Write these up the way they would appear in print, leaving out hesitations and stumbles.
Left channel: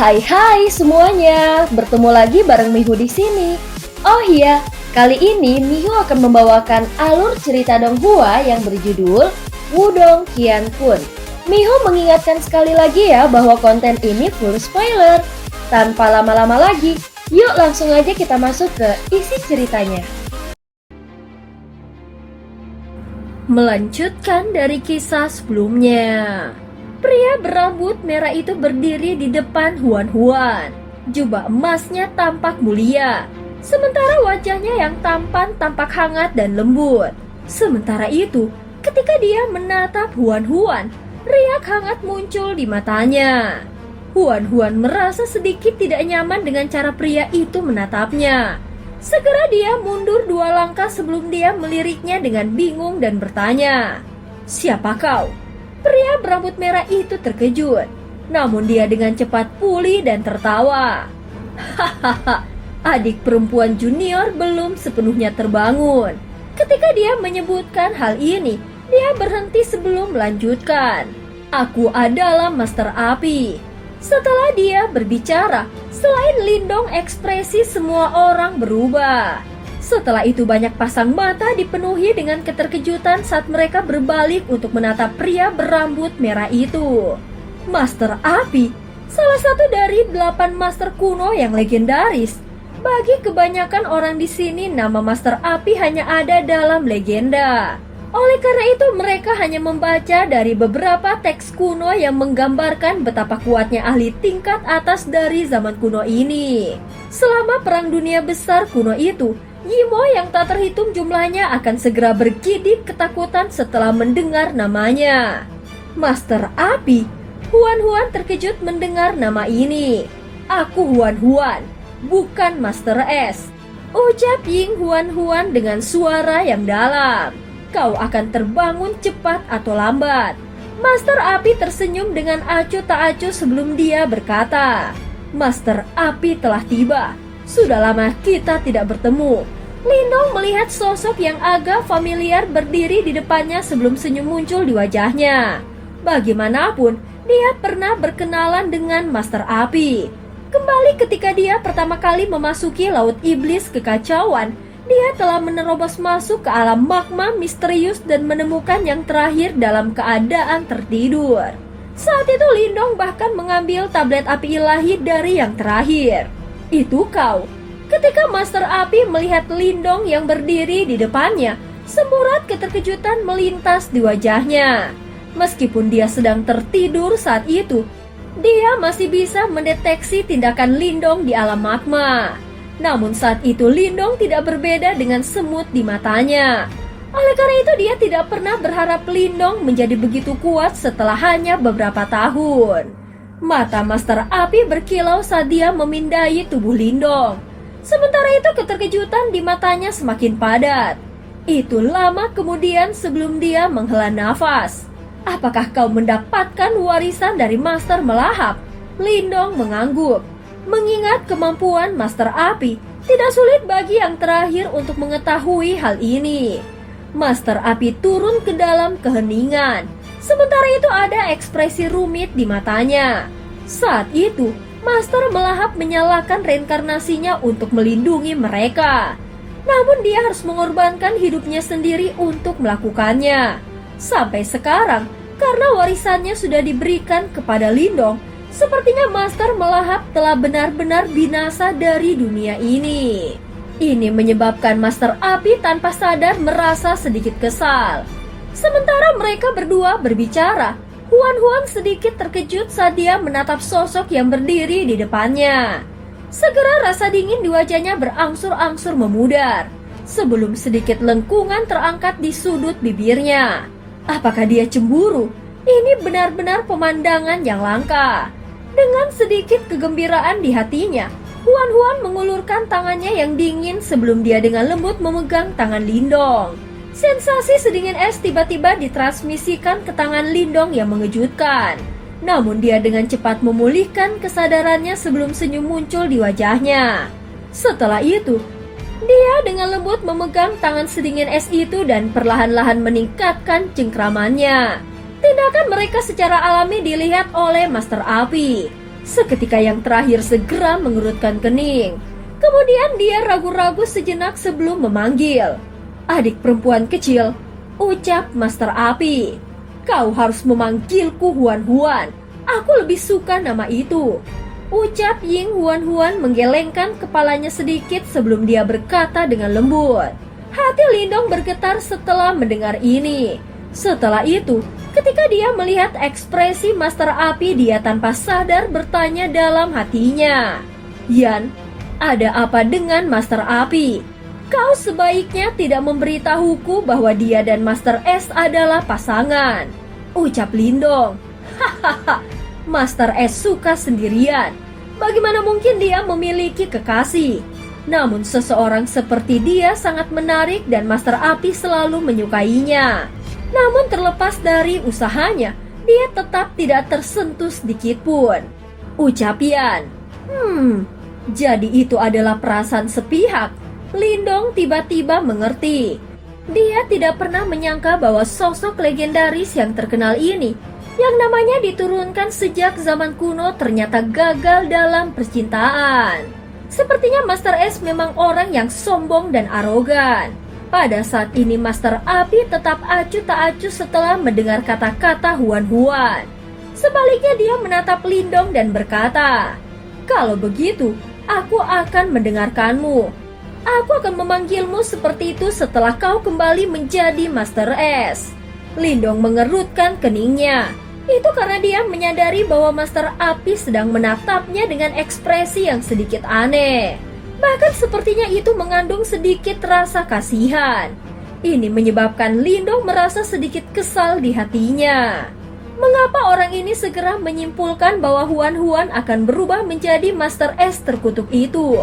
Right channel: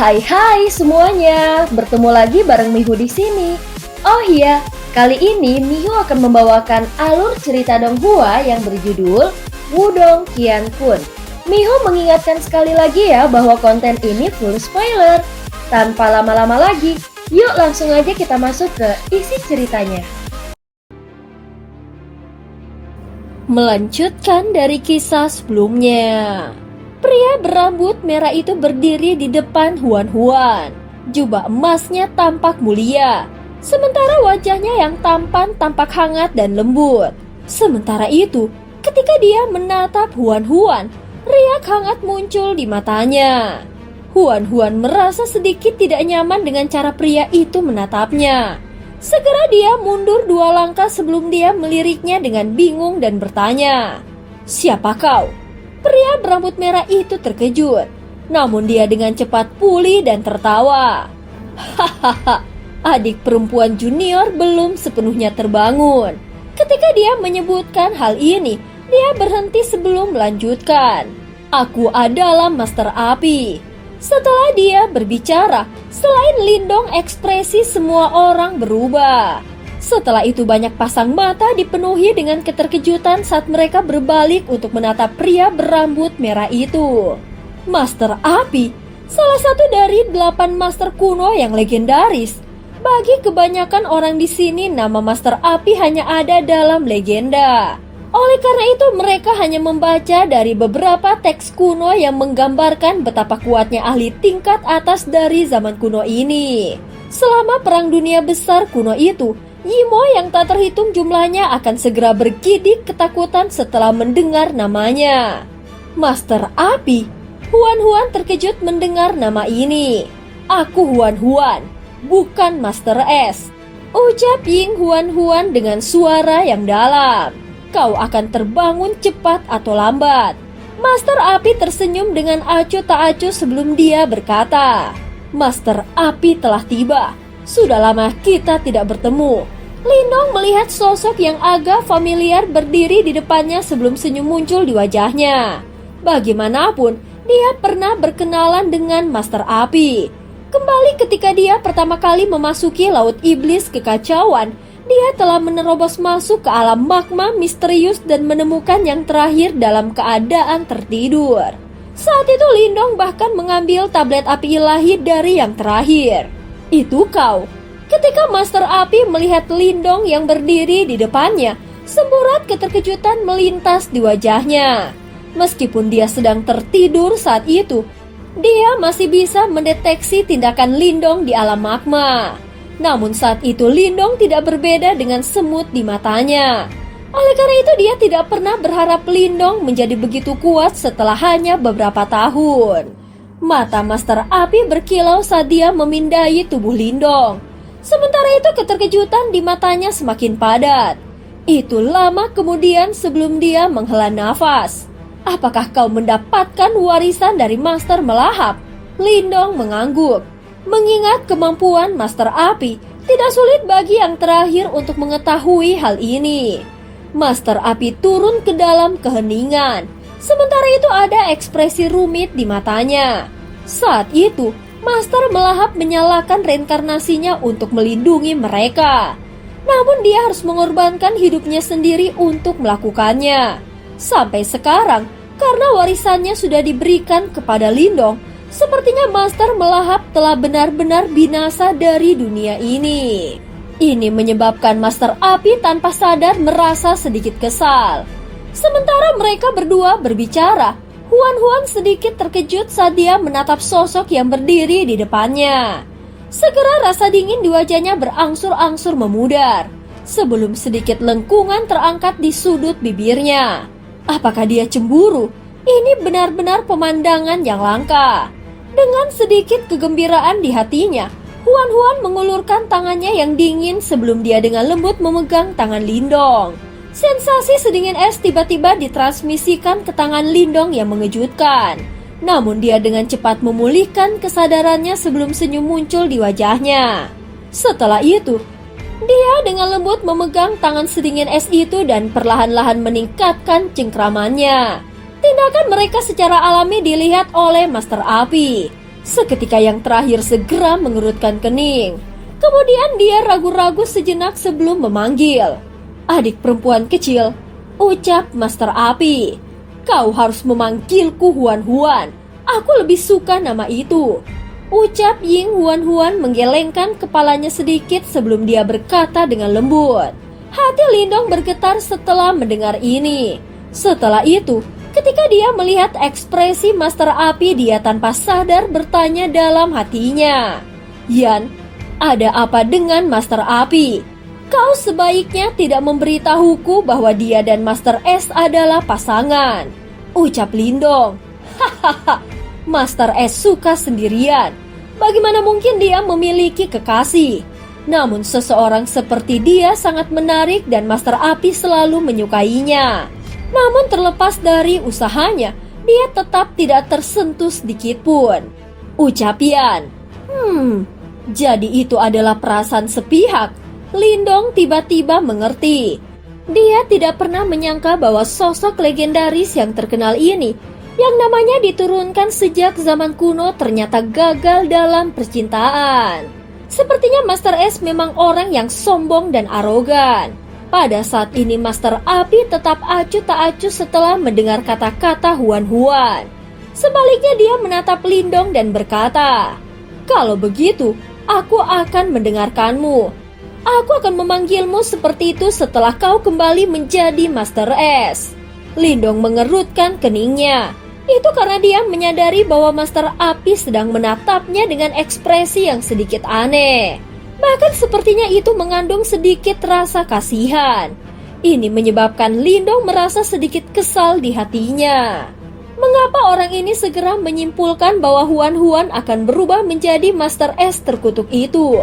Hai semuanya, bertemu lagi bareng Mihu di sini. Oh iya, kali ini Mihu akan membawakan alur cerita Donghua yang berjudul Wudong Qiankun. Mihu mengingatkan sekali lagi ya bahwa konten ini full spoiler. Tanpa lama-lama lagi, yuk langsung aja kita masuk ke isi ceritanya. Melanjutkan dari kisah sebelumnya. Pria berambut merah itu berdiri di depan Huan. Jubah emasnya tampak mulia, sementara wajahnya yang tampan tampak hangat dan lembut. Sementara itu, ketika dia menatap Huan, riak hangat muncul di matanya. Huan merasa sedikit tidak nyaman dengan cara pria itu menatapnya. Segera dia mundur 2 langkah sebelum dia meliriknya dengan bingung dan bertanya, "Siapa kau?" Pria berambut merah itu terkejut, namun dia dengan cepat pulih dan tertawa. Hahaha, adik perempuan junior belum sepenuhnya terbangun. Ketika dia menyebutkan hal ini, dia berhenti sebelum melanjutkan. Aku adalah Master Api. Setelah dia berbicara, selain Lindong ekspresi semua orang berubah. Setelah itu banyak pasang mata dipenuhi dengan keterkejutan saat mereka berbalik untuk menatap pria berambut merah itu. Master Api, salah satu dari 8 master kuno yang legendaris. Bagi kebanyakan orang di sini nama Master Api hanya ada dalam legenda. Oleh karena itu mereka hanya membaca dari beberapa teks kuno yang menggambarkan betapa kuatnya ahli tingkat atas dari zaman kuno ini. Selama Perang Dunia Besar kuno itu, Yimo yang tak terhitung jumlahnya akan segera bergidik ketakutan setelah mendengar namanya. Master Api. Huan terkejut mendengar nama ini. Aku Huan, bukan Master S, ucap Ying Huan dengan suara yang dalam. Kau akan terbangun cepat atau lambat. Master Api tersenyum dengan acuh tak acuh sebelum dia berkata, Master Api telah tiba. Sudah lama kita tidak bertemu. Lindong melihat sosok yang agak familiar berdiri di depannya sebelum senyum muncul di wajahnya. Bagaimanapun, dia pernah berkenalan dengan Master Api. Kembali ketika dia pertama kali memasuki Laut Iblis Kekacauan, dia telah menerobos masuk ke alam magma misterius dan menemukan yang terakhir dalam keadaan tertidur. Saat itu Lindong bahkan mengambil tablet api ilahi dari yang terakhir. Itu kau. Ketika Master Api melihat Lindong yang berdiri di depannya, semburat keterkejutan melintas di wajahnya. Meskipun dia sedang tertidur saat itu, dia masih bisa mendeteksi tindakan Lindong di alam magma. Namun saat itu Lindong tidak berbeda dengan semut di matanya. Oleh karena itu dia tidak pernah berharap Lindong menjadi begitu kuat setelah hanya beberapa tahun. Mata Master Api berkilau saat dia memindai tubuh Lindong. Sementara itu keterkejutan di matanya semakin padat. Itu lama kemudian sebelum dia menghela nafas. Apakah kau mendapatkan warisan dari Master Melahap? Lindong mengangguk. Mengingat kemampuan Master Api, tidak sulit bagi yang terakhir untuk mengetahui hal ini. Master Api turun ke dalam keheningan. Sementara itu ada ekspresi rumit di matanya. Saat itu, Master Melahap menyalakan reinkarnasinya untuk melindungi mereka. Namun dia harus mengorbankan hidupnya sendiri untuk melakukannya. Sampai sekarang, karena warisannya sudah diberikan kepada Lindong, sepertinya Master Melahap telah benar-benar binasa dari dunia ini. Ini menyebabkan Master Api tanpa sadar merasa sedikit kesal. Sementara mereka berdua berbicara, Huan sedikit terkejut saat dia menatap sosok yang berdiri di depannya. Segera rasa dingin di wajahnya berangsur-angsur memudar, sebelum sedikit lengkungan terangkat di sudut bibirnya. Apakah dia cemburu? Ini benar-benar pemandangan yang langka. Dengan sedikit kegembiraan di hatinya, Huan mengulurkan tangannya yang dingin sebelum dia dengan lembut memegang tangan Lindong. Sensasi sedingin es tiba-tiba ditransmisikan ke tangan Lindong yang mengejutkan. Namun dia dengan cepat memulihkan kesadarannya sebelum senyum muncul di wajahnya. Setelah itu, dia dengan lembut memegang tangan sedingin es itu dan perlahan-lahan meningkatkan cengkramannya. Tindakan mereka secara alami dilihat oleh Master Api. Seketika yang terakhir segera mengerutkan kening. Kemudian dia ragu-ragu sejenak sebelum memanggil. "Adik perempuan kecil," ucap Master Api. "Kau harus memanggilku Huan-Huan. Aku lebih suka nama itu," ucap Ying Huan-Huan menggelengkan kepalanya sedikit sebelum dia berkata dengan lembut. Hati Lindong bergetar setelah mendengar ini. Setelah itu, ketika dia melihat ekspresi Master Api, dia tanpa sadar bertanya dalam hatinya, "Yan, ada apa dengan Master Api? Kau sebaiknya tidak memberitahuku bahwa dia dan Master S adalah pasangan," ucap Lindong. "Hahaha, Master S suka sendirian. Bagaimana mungkin dia memiliki kekasih? Namun seseorang seperti dia sangat menarik dan Master Api selalu menyukainya. Namun terlepas dari usahanya, dia tetap tidak tersentuh sedikit pun," ucap Yan. Jadi itu adalah perasaan sepihak. Lindong tiba-tiba mengerti. Dia tidak pernah menyangka bahwa sosok legendaris yang terkenal ini, yang namanya diturunkan sejak zaman kuno, ternyata gagal dalam percintaan. Sepertinya Master S memang orang yang sombong dan arogan. Pada saat ini Master Api tetap acuh tak acuh setelah mendengar kata-kata Huan-Huan. Sebaliknya dia menatap Lindong dan berkata, "Kalau begitu, aku akan mendengarkanmu. Aku akan memanggilmu seperti itu setelah kau kembali menjadi Master S." Lindong mengerutkan keningnya. Itu karena dia menyadari bahwa Master Api sedang menatapnya dengan ekspresi yang sedikit aneh. Bahkan sepertinya itu mengandung sedikit rasa kasihan. Ini menyebabkan Lindong merasa sedikit kesal di hatinya. Mengapa orang ini segera menyimpulkan bahwa Huan-Huan akan berubah menjadi Master S terkutuk itu?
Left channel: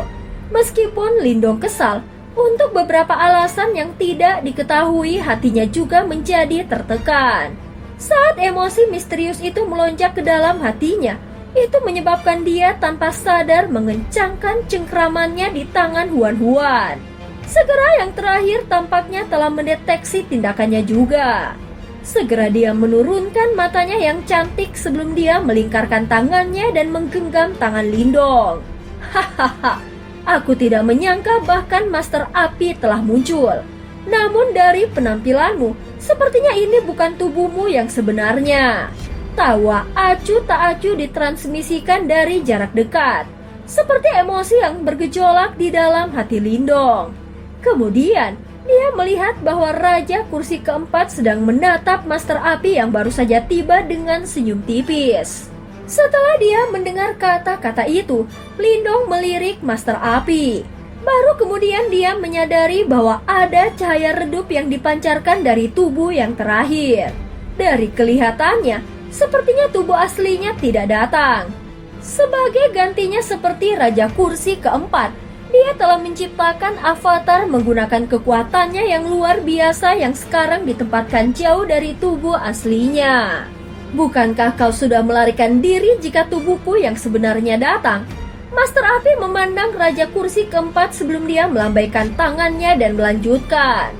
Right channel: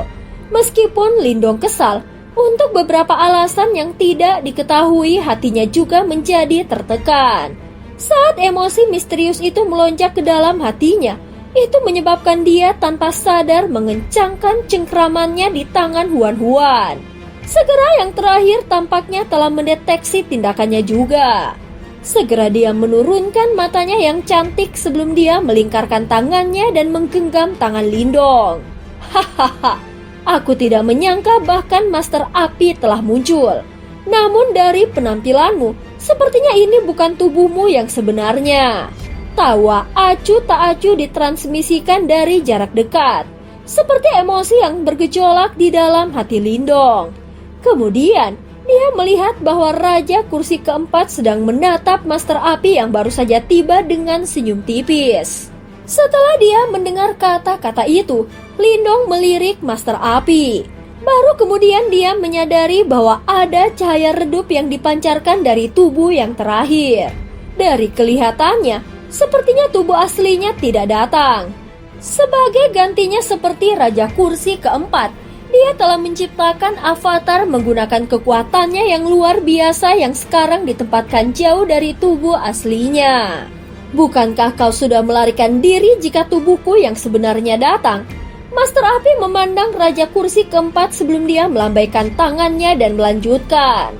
Meskipun Lindong kesal, untuk beberapa alasan yang tidak diketahui, hatinya juga menjadi tertekan. Saat emosi misterius itu melonjak ke dalam hatinya, itu menyebabkan dia tanpa sadar mengencangkan cengkramannya di tangan Huan-Huan. Segera yang terakhir tampaknya telah mendeteksi tindakannya juga. Segera dia menurunkan matanya yang cantik sebelum dia melingkarkan tangannya dan menggenggam tangan Lindong. "Hahaha, aku tidak menyangka bahkan Master Api telah muncul. Namun dari penampilanmu, sepertinya ini bukan tubuhmu yang sebenarnya." Tawa acuh tak acuh ditransmisikan dari jarak dekat, seperti emosi yang bergejolak di dalam hati Lindong. Kemudian, dia melihat bahwa Raja Kursi keempat sedang menatap Master Api yang baru saja tiba dengan senyum tipis. Setelah dia mendengar kata-kata itu, Lindong melirik Master Api. Baru kemudian dia menyadari bahwa ada cahaya redup yang dipancarkan dari tubuh yang terakhir. Dari kelihatannya, sepertinya tubuh aslinya tidak datang. Sebagai gantinya seperti Raja Kursi keempat, dia telah menciptakan avatar menggunakan kekuatannya yang luar biasa yang sekarang ditempatkan jauh dari tubuh aslinya. "Bukankah kau sudah melarikan diri jika tubuhku yang sebenarnya datang?" Master Api memandang Raja Kursi keempat sebelum dia melambaikan tangannya dan melanjutkan,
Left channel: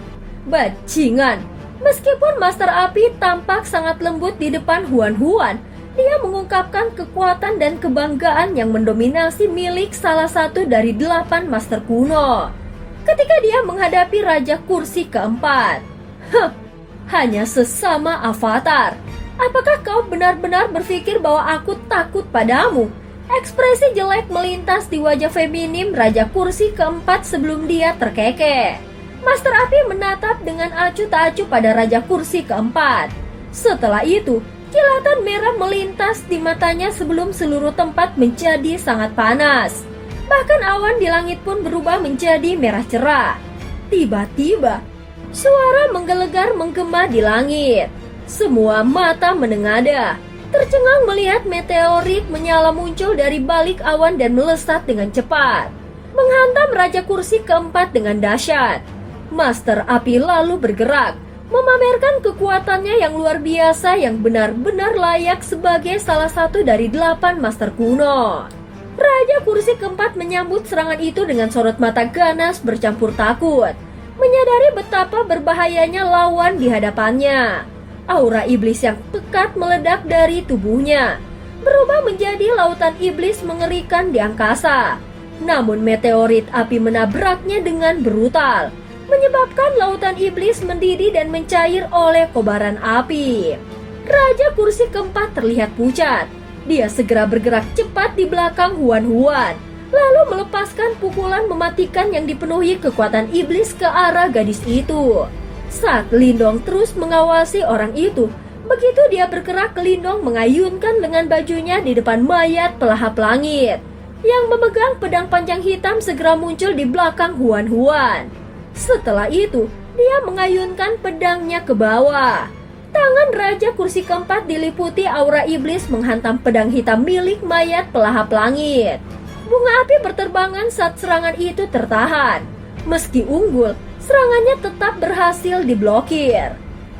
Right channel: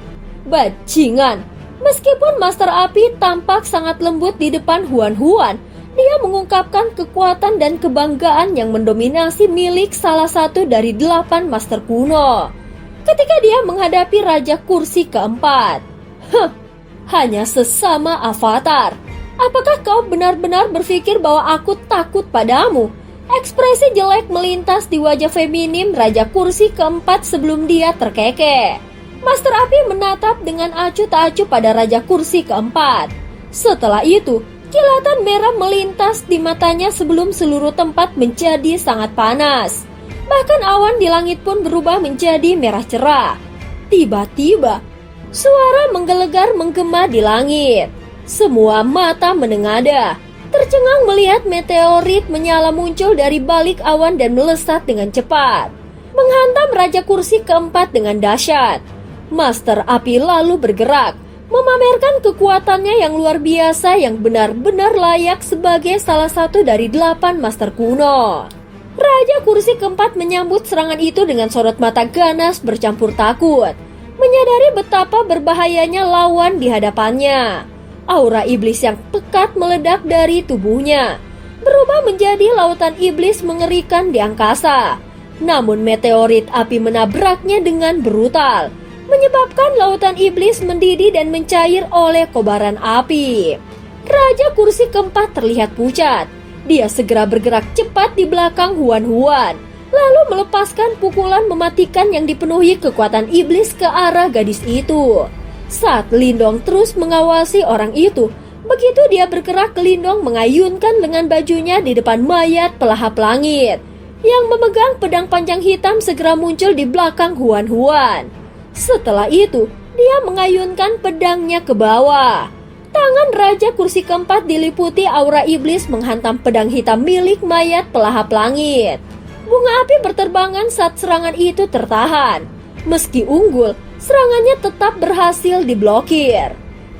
"Bajingan." Meskipun Master Api tampak sangat lembut di depan Huan-Huan, dia mengungkapkan kekuatan dan kebanggaan yang mendominasi milik salah satu dari 8 master kuno. Ketika dia menghadapi Raja Kursi keempat, hanya sesama avatar. Apakah kau benar-benar berpikir bahwa aku takut padamu? Ekspresi jelek melintas di wajah feminim Raja Kursi keempat sebelum dia terkekeh. Master Api menatap dengan acuh tak acuh pada Raja Kursi keempat. Setelah itu, kilatan merah melintas di matanya sebelum seluruh tempat menjadi sangat panas. Bahkan awan di langit pun berubah menjadi merah cerah. Tiba-tiba, suara menggelegar menggema di langit. Semua mata menengadah, tercengang melihat meteorit menyala muncul dari balik awan dan melesat dengan cepat, menghantam Raja Kursi keempat dengan dahsyat. Master Api lalu bergerak, memamerkan kekuatannya yang luar biasa yang benar-benar layak sebagai salah satu dari 8 master kuno. Raja Kursi keempat menyambut serangan itu dengan sorot mata ganas bercampur takut, menyadari betapa berbahayanya lawan di hadapannya. Aura iblis yang pekat meledak dari tubuhnya. berubah menjadi lautan iblis mengerikan di angkasa. Namun meteorit api menabraknya dengan brutal, menyebabkan lautan iblis mendidih dan mencair oleh kobaran api. Raja kursi keempat terlihat pucat. Dia segera bergerak cepat di belakang Huan-Huan, lalu melepaskan pukulan mematikan yang dipenuhi kekuatan iblis ke arah gadis itu. Saat Lindong terus mengawasi orang itu, begitu dia bergerak, Lindong mengayunkan lengan bajunya di depan mayat pelahap langit. Yang memegang pedang panjang hitam segera muncul di belakang Huan-Huan. Setelah itu, dia mengayunkan pedangnya ke bawah. Tangan Raja kursi keempat diliputi aura iblis menghantam pedang hitam milik mayat pelahap langit. Bunga api berterbangan saat serangan itu tertahan. Meski unggul, serangannya tetap berhasil diblokir.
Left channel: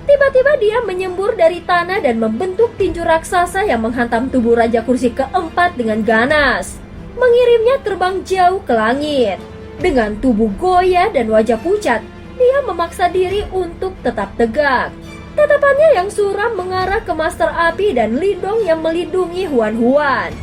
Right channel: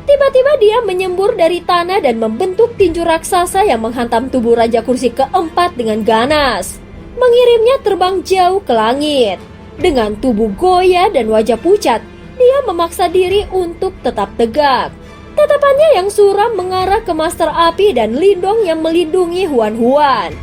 Tiba-tiba dia menyembur dari tanah dan membentuk tinju raksasa yang menghantam tubuh Raja kursi keempat dengan ganas, mengirimnya terbang jauh ke langit. Dengan tubuh goyah dan wajah pucat, dia memaksa diri untuk tetap tegak. Tatapannya yang suram mengarah ke Master Api dan Lindong yang melindungi Huan-Huan.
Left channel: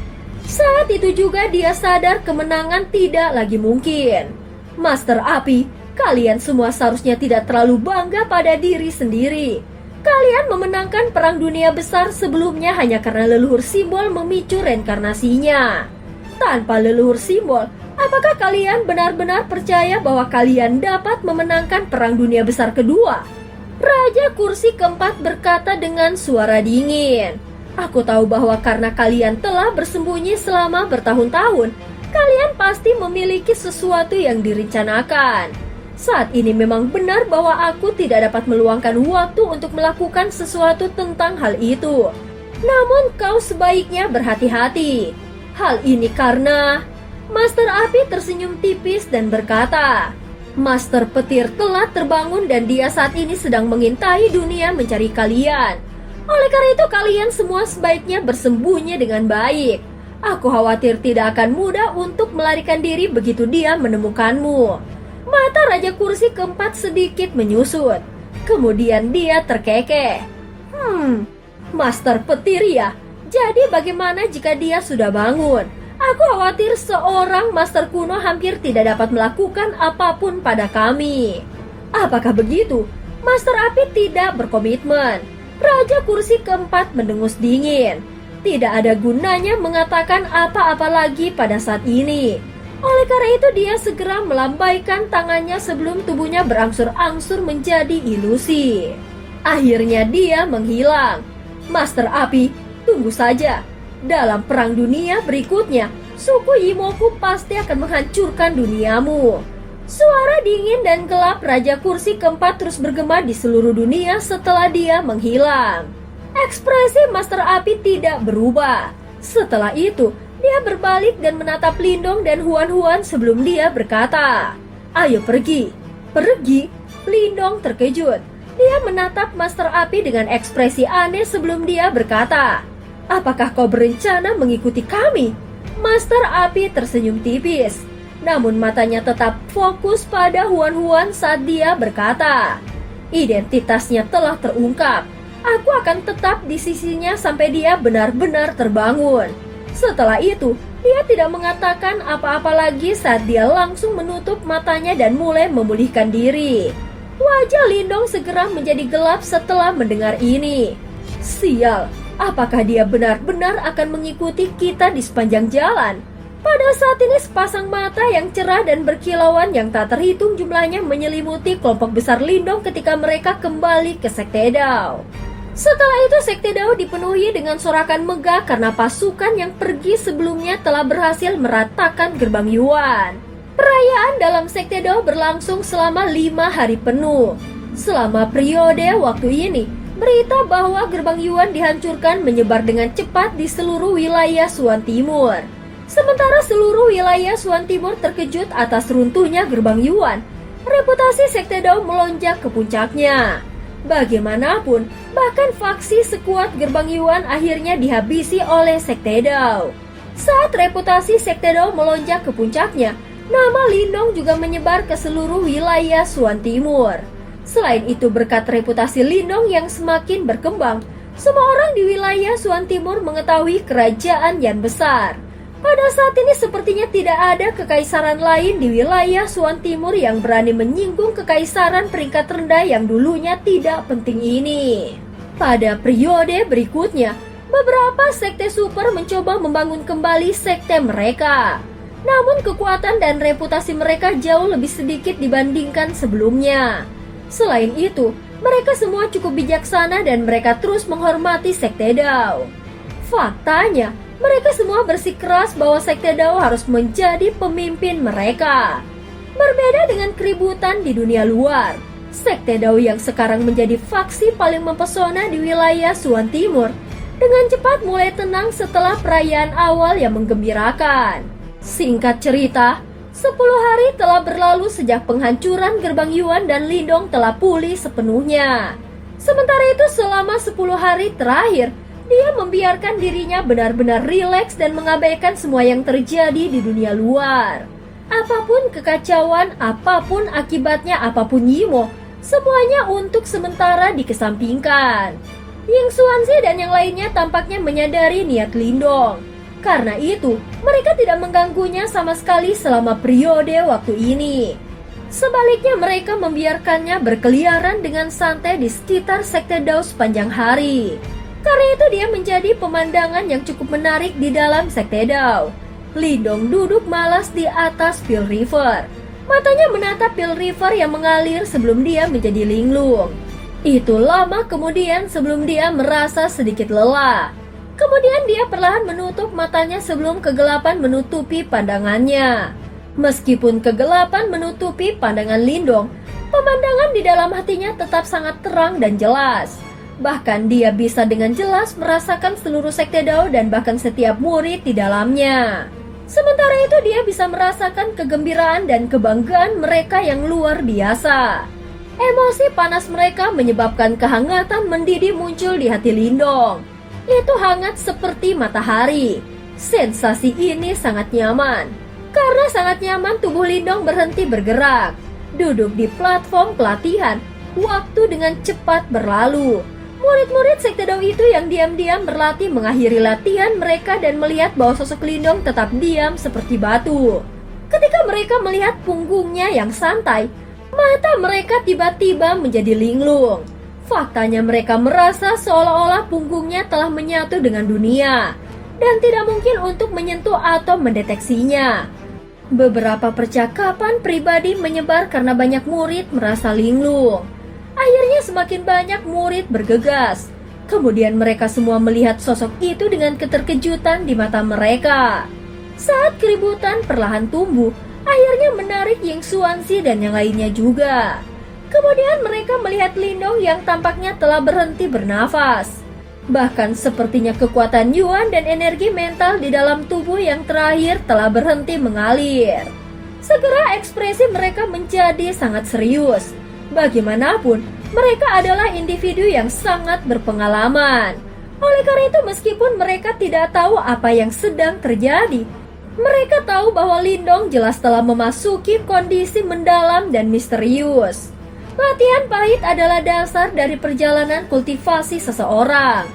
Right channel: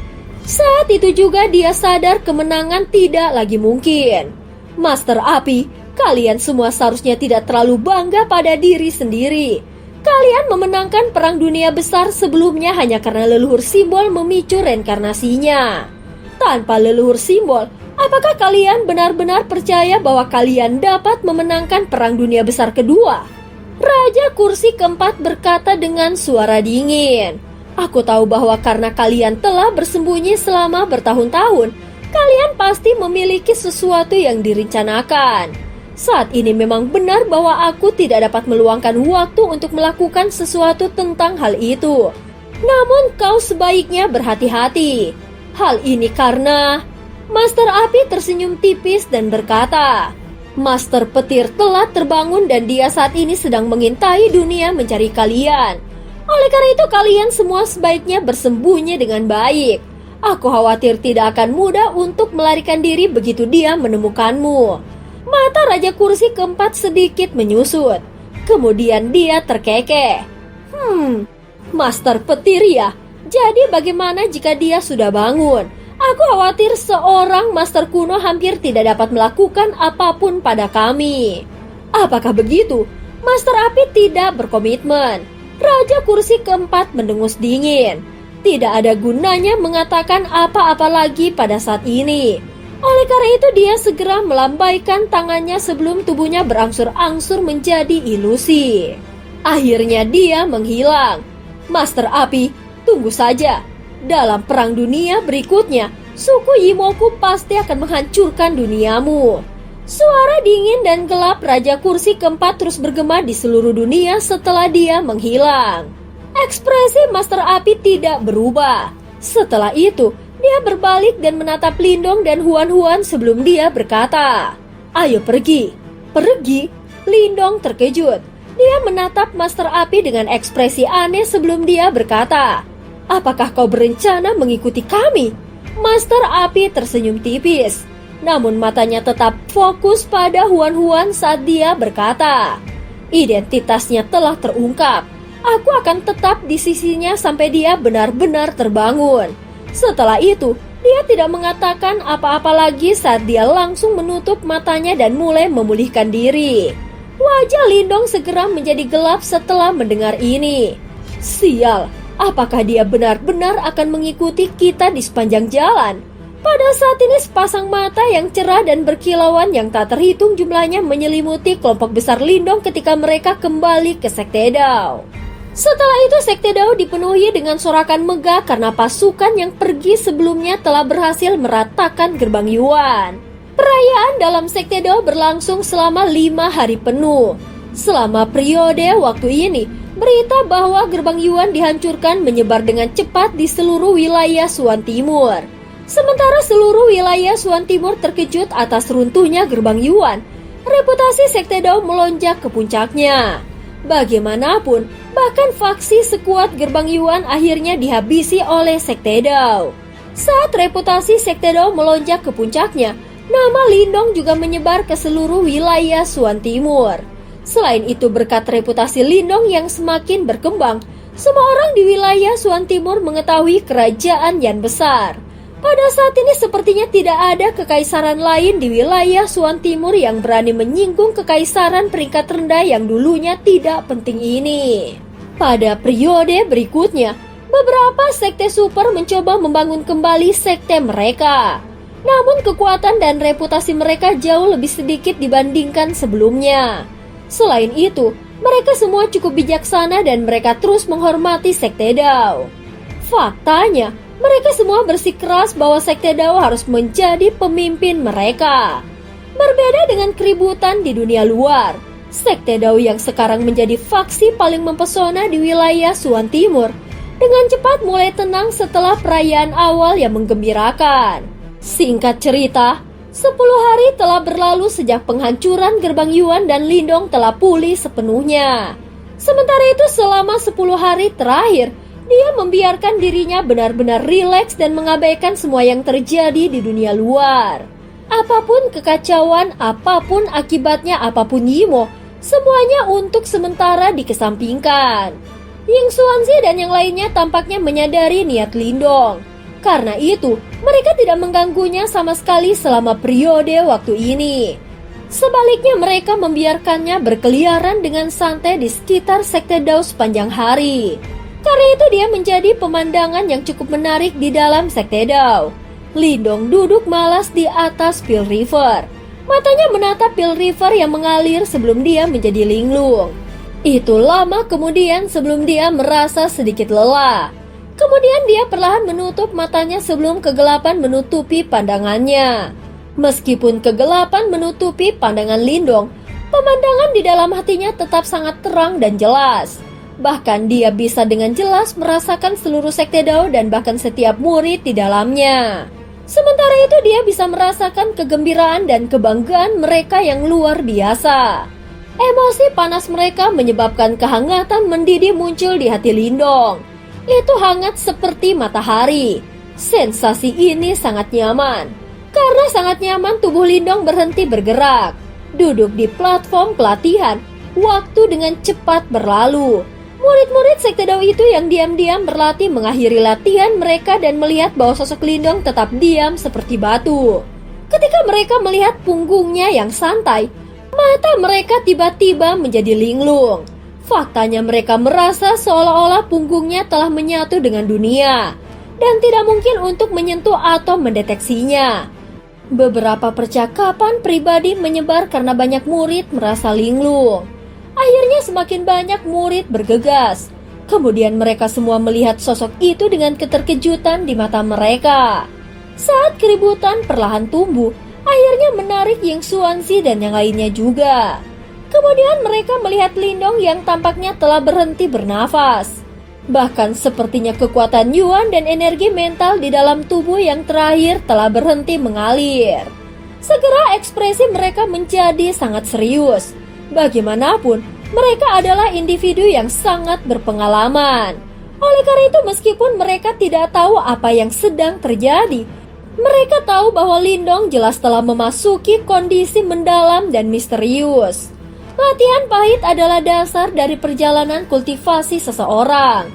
Saat itu juga dia sadar kemenangan tidak lagi mungkin. Master Api, kalian semua seharusnya tidak terlalu bangga pada diri sendiri. Kalian memenangkan perang dunia besar sebelumnya hanya karena leluhur simbol memicu reinkarnasinya. Tanpa leluhur simbol, apakah kalian benar-benar percaya bahwa kalian dapat memenangkan perang dunia besar kedua? Raja kursi keempat berkata dengan suara dingin. Aku tahu bahwa karena kalian telah bersembunyi selama bertahun-tahun, kalian pasti memiliki sesuatu yang direncanakan. Saat ini memang benar bahwa aku tidak dapat meluangkan waktu untuk melakukan sesuatu tentang hal itu. Namun kau sebaiknya berhati-hati. Hal ini karena... Master Api tersenyum tipis dan berkata, Master Petir telah terbangun dan dia saat ini sedang mengintai dunia mencari kalian. Oleh karena itu kalian semua sebaiknya bersembunyi dengan baik. Aku khawatir tidak akan mudah untuk melarikan diri begitu dia menemukanmu. Mata Raja kursi keempat sedikit menyusut. Kemudian dia terkekeh. Master Petir ya? Jadi bagaimana jika dia sudah bangun? Aku khawatir seorang master kuno hampir tidak dapat melakukan apapun pada kami. Apakah begitu? Master Api tidak berkomitmen. Raja kursi keempat mendengus dingin. Tidak ada gunanya mengatakan apa-apa lagi pada saat ini. Oleh karena itu dia segera melambaikan tangannya sebelum tubuhnya berangsur-angsur menjadi ilusi. Akhirnya dia menghilang. Master Api, tunggu saja. Dalam perang dunia berikutnya, suku Yimoku pasti akan menghancurkan duniamu. Suara dingin dan gelap Raja kursi keempat terus bergema di seluruh dunia setelah dia menghilang. Ekspresi Master Api tidak berubah. Setelah itu, dia berbalik dan menatap Lindong dan Huan-Huan sebelum dia berkata, Ayo pergi. Pergi? Lindong terkejut. Dia menatap Master Api dengan ekspresi aneh sebelum dia berkata, Apakah kau berencana mengikuti kami? Master Api tersenyum tipis. Namun matanya tetap fokus pada Huan-Huan saat dia berkata, Identitasnya telah terungkap. Aku akan tetap di sisinya sampai dia benar-benar terbangun. Setelah itu, dia tidak mengatakan apa-apa lagi saat dia langsung menutup matanya dan mulai memulihkan diri. Wajah Lindong segera menjadi gelap setelah mendengar ini. Sial, apakah dia benar-benar akan mengikuti kita di sepanjang jalan? Pada saat ini sepasang mata yang cerah dan berkilauan yang tak terhitung jumlahnya menyelimuti kelompok besar Lindong ketika mereka kembali ke Sekte Dao. Setelah itu Sekte Dao dipenuhi dengan sorakan megah karena pasukan yang pergi sebelumnya telah berhasil meratakan gerbang Yuan. Perayaan dalam Sekte Dao berlangsung selama 5 hari penuh. Selama periode waktu ini, berita bahwa gerbang Yuan dihancurkan menyebar dengan cepat di seluruh wilayah Suan Timur. Sementara seluruh wilayah Suan Timur terkejut atas runtuhnya gerbang Yuan, reputasi Sekte Dao melonjak ke puncaknya. Bagaimanapun, bahkan faksi sekuat gerbang Yuan akhirnya dihabisi oleh Sekte Dao. Saat reputasi Sekte Dao melonjak ke puncaknya, nama Lindong juga menyebar ke seluruh wilayah Suan Timur. Selain itu berkat reputasi Lindong yang semakin berkembang, Semua orang di wilayah Suan Timur mengetahui kerajaan Yan besar. Pada saat ini sepertinya tidak ada kekaisaran lain di wilayah Suan Timur yang berani menyinggung kekaisaran peringkat rendah yang dulunya tidak penting ini. Pada periode berikutnya, beberapa sekte super mencoba membangun kembali sekte mereka. Namun kekuatan dan reputasi mereka jauh lebih sedikit dibandingkan sebelumnya. Selain itu, mereka semua cukup bijaksana dan mereka terus menghormati sekte Dao. Faktanya, mereka semua bersikeras bahwa sekte Dao harus menjadi pemimpin mereka. Berbeda dengan keributan di dunia luar, sekte Dao yang sekarang menjadi faksi paling mempesona di wilayah Suan Timur dengan cepat mulai tenang setelah perayaan awal yang menggembirakan. Singkat cerita, 10 hari telah berlalu sejak penghancuran gerbang Yuan dan Lindong telah pulih sepenuhnya. Sementara itu selama 10 hari terakhir, dia membiarkan dirinya benar-benar rileks dan mengabaikan semua yang terjadi di dunia luar. Apapun kekacauan, apapun akibatnya, apapun Yimo, semuanya untuk sementara dikesampingkan. Ying Xuanzi dan yang lainnya tampaknya menyadari niat Lindong. Karena itu, mereka tidak mengganggunya sama sekali selama periode waktu ini. Sebaliknya mereka membiarkannya berkeliaran dengan santai di sekitar sekte Dao sepanjang hari. Karena itu dia menjadi pemandangan yang cukup menarik di dalam sekte Dao. Lindong duduk malas di atas Pil River. Matanya menatap Pil River yang mengalir sebelum dia menjadi linglung. Itu lama kemudian sebelum dia merasa sedikit lelah. Kemudian dia perlahan menutup matanya sebelum kegelapan menutupi pandangannya. Meskipun kegelapan menutupi pandangan Lindong, pemandangan di dalam hatinya tetap sangat terang dan jelas. Bahkan dia bisa dengan jelas merasakan seluruh sekte Dao dan bahkan setiap murid di dalamnya. Sementara itu dia bisa merasakan kegembiraan dan kebanggaan mereka yang luar biasa. Emosi panas mereka menyebabkan kehangatan mendidih muncul di hati Lindong. Itu hangat seperti matahari. Sensasi ini sangat nyaman. Karena sangat nyaman, tubuh Lindong berhenti bergerak. Duduk di platform pelatihan, waktu dengan cepat berlalu. Murid-murid sekte Dao itu yang diam-diam berlatih mengakhiri latihan mereka dan melihat bahwa sosok Lindong tetap diam seperti batu. Ketika mereka melihat punggungnya yang santai, mata mereka tiba-tiba menjadi linglung. Faktanya mereka merasa seolah-olah punggungnya telah menyatu dengan dunia dan tidak mungkin untuk menyentuh atau mendeteksinya. Beberapa percakapan pribadi menyebar karena banyak murid merasa linglung. Akhirnya semakin banyak murid bergegas. Kemudian mereka semua melihat sosok itu dengan keterkejutan di mata mereka. Saat keributan perlahan tumbuh, akhirnya menarik Ying Xuanzi dan yang lainnya juga. Kemudian mereka melihat Lindong yang tampaknya telah berhenti bernafas. Bahkan sepertinya kekuatan Yuan dan energi mental di dalam tubuh yang terakhir telah berhenti mengalir. Segera ekspresi mereka menjadi sangat serius. Bagaimanapun, mereka adalah individu yang sangat berpengalaman. Oleh karena itu meskipun mereka tidak tahu apa yang sedang terjadi, mereka tahu bahwa Lindong jelas telah memasuki kondisi mendalam dan misterius. Latihan pahit adalah dasar dari perjalanan kultivasi seseorang.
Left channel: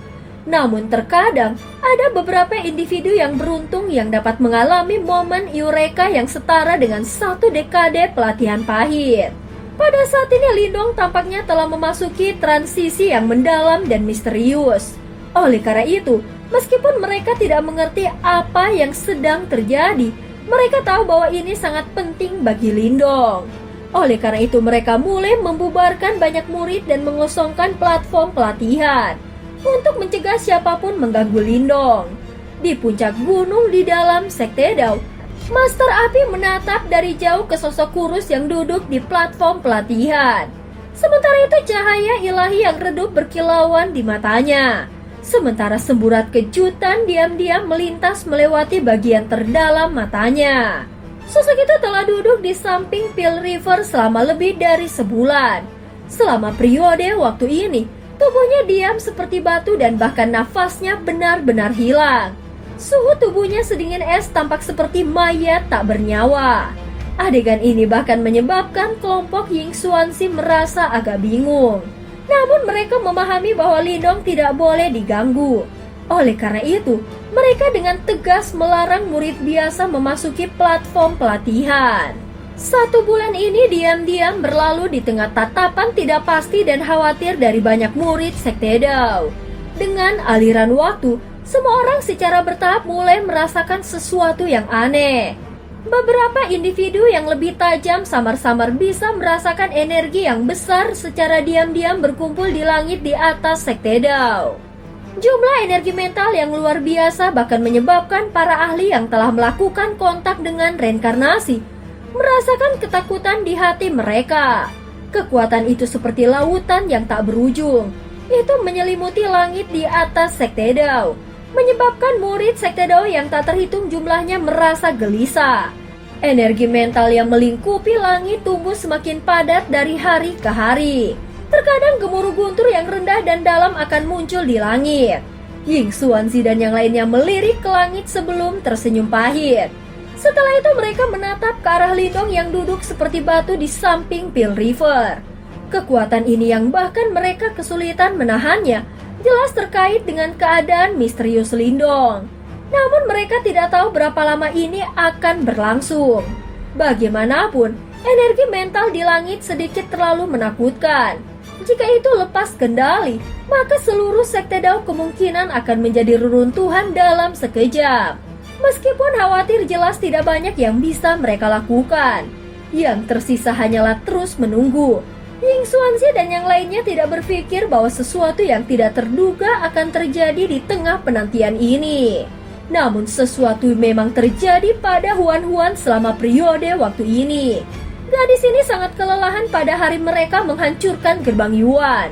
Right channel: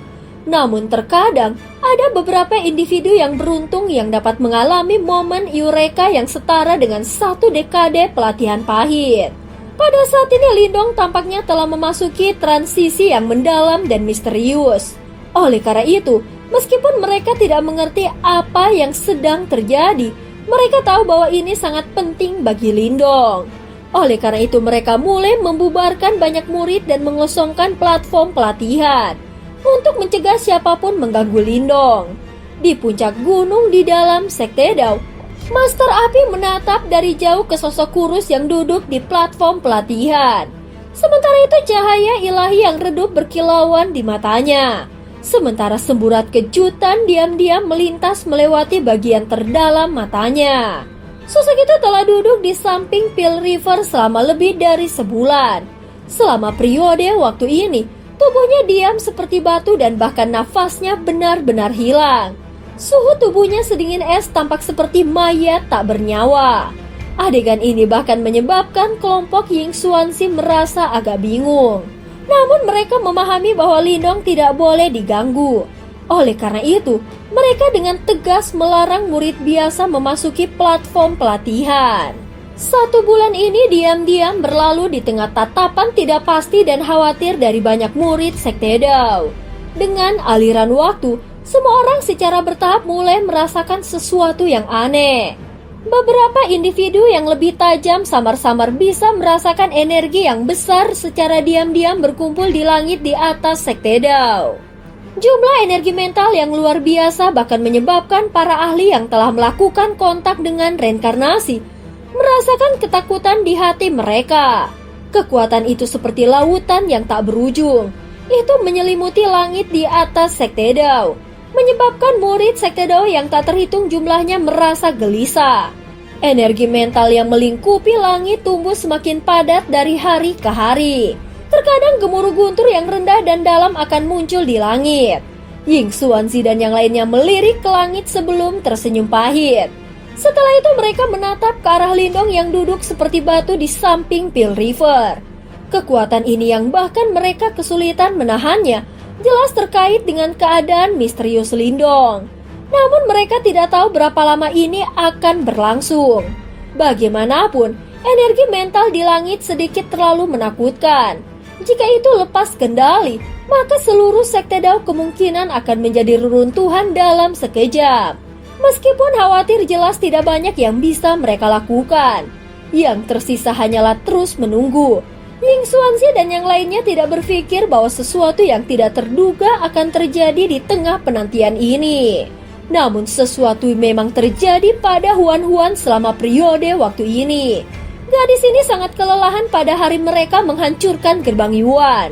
Namun terkadang ada beberapa individu yang beruntung yang dapat mengalami momen eureka yang setara dengan 1 dekade pelatihan pahit. Pada saat ini Lindong tampaknya telah memasuki transisi yang mendalam dan misterius. Oleh karena itu, meskipun mereka tidak mengerti apa yang sedang terjadi, mereka tahu bahwa ini sangat penting bagi Lindong. Oleh karena itu mereka mulai membubarkan banyak murid dan mengosongkan platform pelatihan untuk mencegah siapapun mengganggu Lindong. Di puncak gunung di dalam sekte Dao, Master Api menatap dari jauh ke sosok kurus yang duduk di platform pelatihan. Sementara itu cahaya ilahi yang redup berkilauan di matanya. Sementara semburat kejutan diam-diam melintas melewati bagian terdalam matanya. Sosok itu telah duduk di samping Pil River selama lebih dari sebulan. Selama periode waktu ini, tubuhnya diam seperti batu dan bahkan nafasnya benar-benar hilang. Suhu tubuhnya sedingin es tampak seperti mayat tak bernyawa. Adegan ini bahkan menyebabkan kelompok Ying Xuanzi merasa agak bingung. Namun mereka memahami bahwa Lindong tidak boleh diganggu. Oleh karena itu, mereka dengan tegas melarang murid biasa memasuki platform pelatihan. 1 bulan ini diam-diam berlalu di tengah tatapan tidak pasti dan khawatir dari banyak murid Sekte Dao. Dengan aliran waktu, semua orang secara bertahap mulai merasakan sesuatu yang aneh. Beberapa individu yang lebih tajam samar-samar bisa merasakan energi yang besar secara diam-diam berkumpul di langit di atas Sekte Dao. Jumlah energi mental yang luar biasa bahkan menyebabkan para ahli yang telah melakukan kontak dengan reinkarnasi merasakan ketakutan di hati mereka. Kekuatan itu seperti lautan yang tak berujung. Itu menyelimuti langit di atas Sekte Dao, menyebabkan murid Sekte Dao yang tak terhitung jumlahnya merasa gelisah. Energi mental yang melingkupi langit tumbuh semakin padat dari hari ke hari. Terkadang gemuruh guntur yang rendah dan dalam akan muncul di langit. Ying Xuanzi dan yang lainnya melirik ke langit sebelum tersenyum pahit. Setelah itu mereka menatap ke arah Lindong yang duduk seperti batu di samping Pil River. Kekuatan ini yang bahkan mereka kesulitan menahannya jelas terkait dengan keadaan misterius Lindong. Namun mereka tidak tahu berapa lama ini akan berlangsung. Bagaimanapun, energi mental di langit sedikit terlalu menakutkan. Jika itu lepas kendali, maka seluruh Sekte Dao kemungkinan akan menjadi reruntuhan dalam sekejap. Meskipun khawatir jelas tidak banyak yang bisa mereka lakukan. Yang tersisa hanyalah terus menunggu. Ying Xuanzi dan yang lainnya tidak berpikir bahwa sesuatu yang tidak terduga akan terjadi di tengah penantian ini. Namun sesuatu memang terjadi pada Huan-Huan selama periode waktu ini. Gadis ini sangat kelelahan pada hari mereka menghancurkan gerbang Yuan.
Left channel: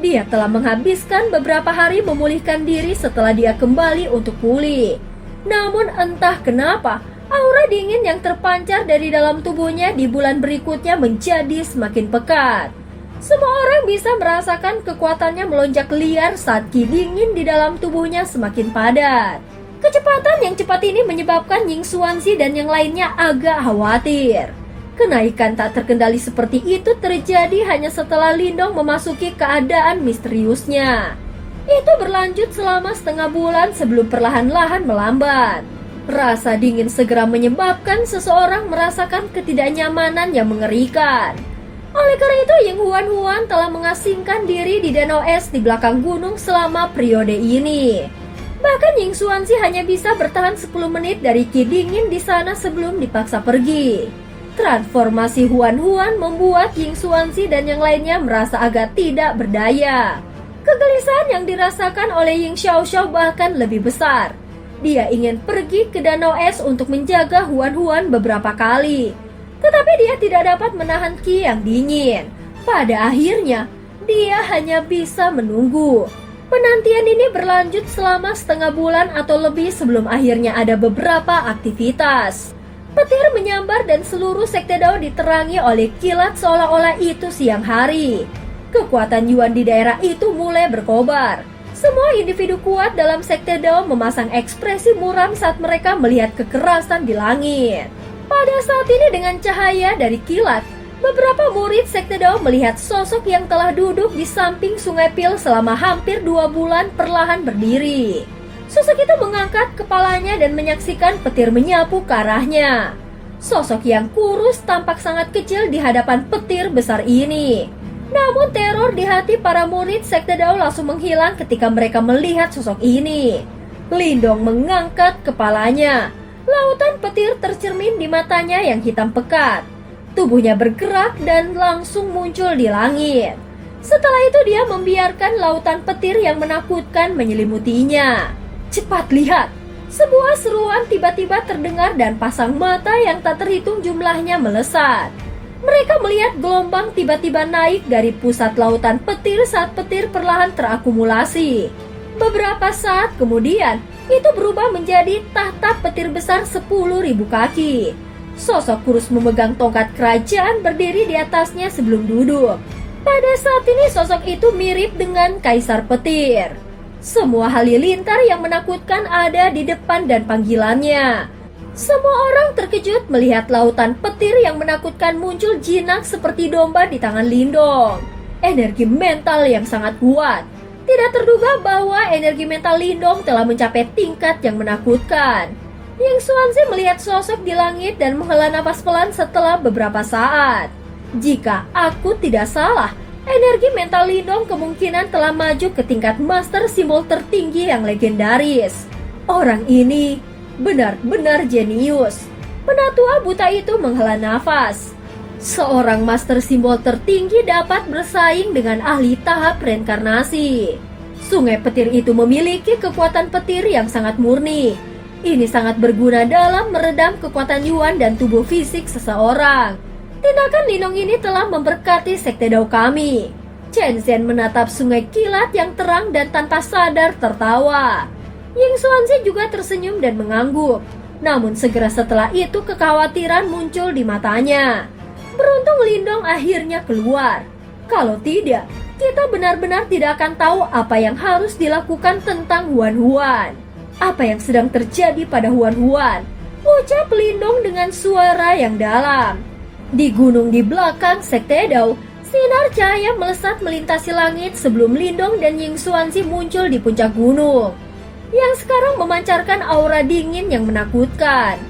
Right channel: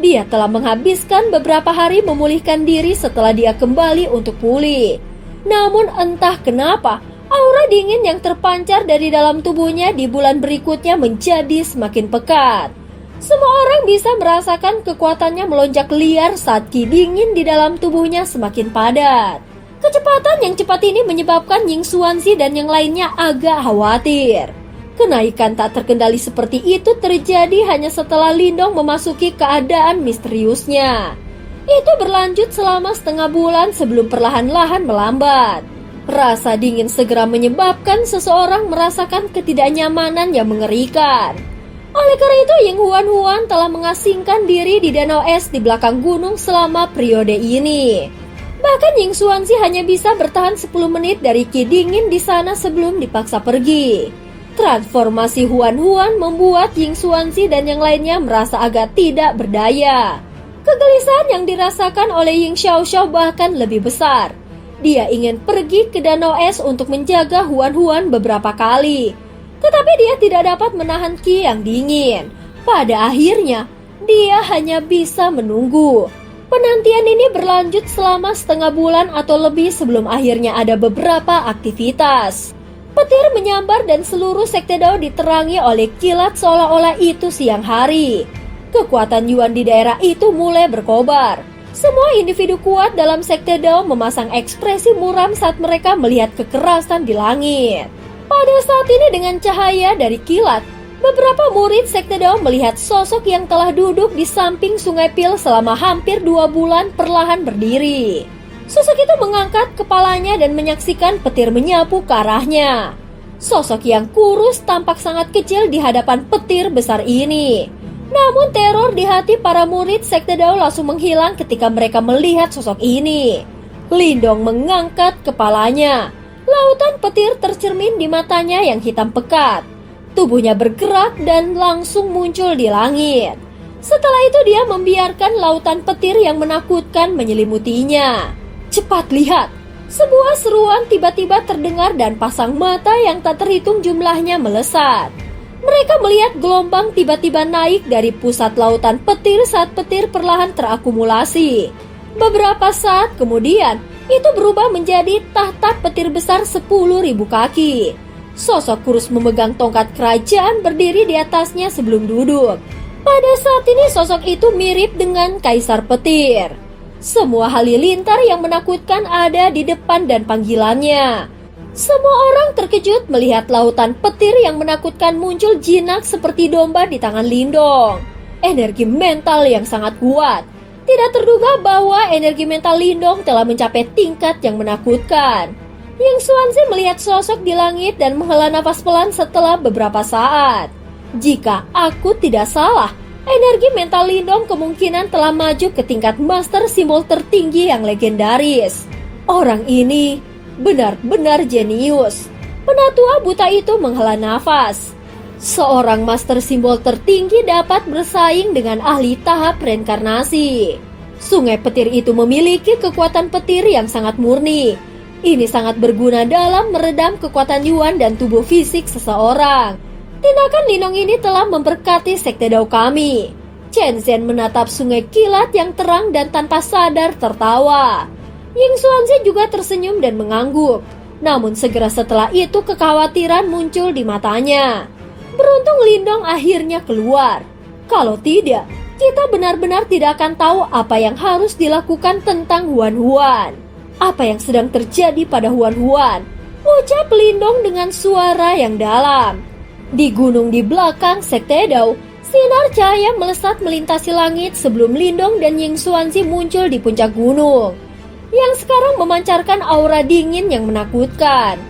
Dia telah menghabiskan beberapa hari memulihkan diri setelah dia kembali untuk pulih. Namun entah kenapa, aura dingin yang terpancar dari dalam tubuhnya di bulan berikutnya menjadi semakin pekat. Semua orang bisa merasakan kekuatannya melonjak liar saat ki dingin di dalam tubuhnya semakin padat. Kecepatan yang cepat ini menyebabkan Ying Xuanzi dan yang lainnya agak khawatir. Kenaikan tak terkendali seperti itu terjadi hanya setelah Lindong memasuki keadaan misteriusnya. Itu berlanjut selama setengah bulan sebelum perlahan-lahan melambat. Rasa dingin segera menyebabkan seseorang merasakan ketidaknyamanan yang mengerikan. Oleh karena itu, Ying Huan-Huan telah mengasingkan diri di danau es di belakang gunung selama periode ini. Bahkan Ying Xuanzi hanya bisa bertahan 10 menit dari ki dingin di sana sebelum dipaksa pergi. Transformasi Huan-Huan membuat Ying Xuanzi dan yang lainnya merasa agak tidak berdaya. Kegelisahan yang dirasakan oleh Ying Xiaoxiao bahkan lebih besar. Dia ingin pergi ke danau es untuk menjaga Huan-Huan beberapa kali. Tetapi dia tidak dapat menahan ki yang dingin. Pada akhirnya, dia hanya bisa menunggu. Penantian ini berlanjut selama setengah bulan atau lebih sebelum akhirnya ada beberapa aktivitas. Petir menyambar dan seluruh Sekte Dao diterangi oleh kilat seolah-olah itu siang hari. Kekuatan Yuan di daerah itu mulai berkobar. Semua individu kuat dalam Sekte Dao memasang ekspresi muram saat mereka melihat kekerasan di langit. Pada saat ini dengan cahaya dari kilat, beberapa murid Sekte Dao melihat sosok yang telah duduk di samping Sungai Pil selama hampir 2 bulan perlahan berdiri. Sosok itu mengangkat kepalanya dan menyaksikan petir menyapu ke arahnya. Sosok yang kurus tampak sangat kecil di hadapan petir besar ini. Namun teror di hati para murid Sekte Dao langsung menghilang ketika mereka melihat sosok ini. Lindong mengangkat kepalanya. Lautan petir tercermin di matanya yang hitam pekat. Tubuhnya bergerak dan langsung muncul di langit. Setelah itu dia membiarkan lautan petir yang menakutkan menyelimutinya. Cepat lihat! Sebuah seruan tiba-tiba terdengar dan pasang mata yang tak terhitung jumlahnya melesat. Mereka melihat gelombang tiba-tiba naik dari pusat lautan petir saat petir perlahan terakumulasi. Beberapa saat kemudian, itu berubah menjadi tahta petir besar 10.000 kaki. Sosok kurus memegang tongkat kerajaan berdiri di atasnya sebelum duduk. Pada saat ini sosok itu mirip dengan kaisar petir. Semua halilintar yang menakutkan ada di depan dan panggilannya. Semua orang terkejut melihat lautan petir yang menakutkan muncul jinak seperti domba di tangan Lindong. energi mental yang sangat kuat. Tidak terduga bahwa energi mental Lindong telah mencapai tingkat yang menakutkan. Ying Xuanzi melihat sosok di langit dan menghela nafas pelan setelah beberapa saat. Jika aku tidak salah, energi mental Lindong kemungkinan telah maju ke tingkat master simbol tertinggi yang legendaris. Orang ini benar-benar jenius. Penatua buta itu menghela nafas. Seorang master simbol tertinggi dapat bersaing dengan ahli tahap reinkarnasi. Sungai petir itu memiliki kekuatan petir yang sangat murni. Ini sangat berguna dalam meredam kekuatan Yuan dan tubuh fisik seseorang. Tindakan Lindong ini telah memberkati sekte Dao kami. Chen Zhen menatap sungai kilat yang terang dan tanpa sadar tertawa. Ying Xuanzi juga tersenyum dan mengangguk. Namun segera setelah itu kekhawatiran muncul di matanya. Beruntung Lindong akhirnya keluar. Kalau tidak, kita benar-benar tidak akan tahu apa yang harus dilakukan tentang Huan Huan. Apa yang sedang terjadi pada Huan Huan? Ucap Lindong dengan suara yang dalam. Di gunung di belakang sekte Dao, sinar cahaya melesat melintasi langit sebelum Lindong dan Ying Xuanzi muncul di puncak gunung, yang sekarang memancarkan aura dingin yang menakutkan.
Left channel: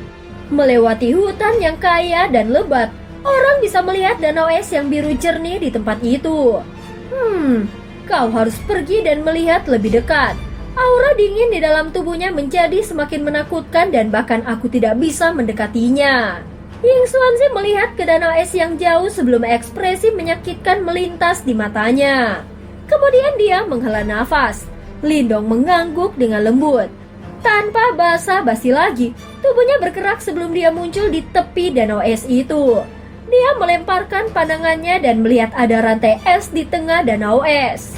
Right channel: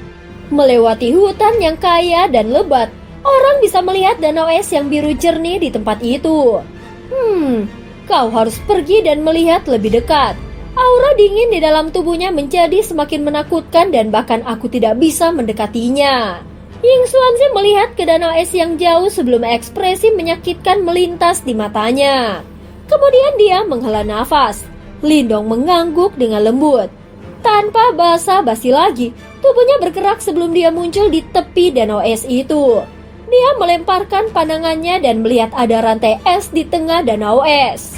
Melewati hutan yang kaya dan lebat, orang bisa melihat danau es yang biru jernih di tempat itu. Kau harus pergi dan melihat lebih dekat. Aura dingin di dalam tubuhnya menjadi semakin menakutkan dan bahkan aku tidak bisa mendekatinya. Ying Xuanzi melihat ke danau es yang jauh sebelum ekspresi menyakitkan melintas di matanya. Kemudian dia menghela nafas. Lindong mengangguk dengan lembut. Tanpa basa-basi lagi, tubuhnya bergerak sebelum dia muncul di tepi danau es itu. Dia melemparkan pandangannya dan melihat ada rantai es di tengah danau es.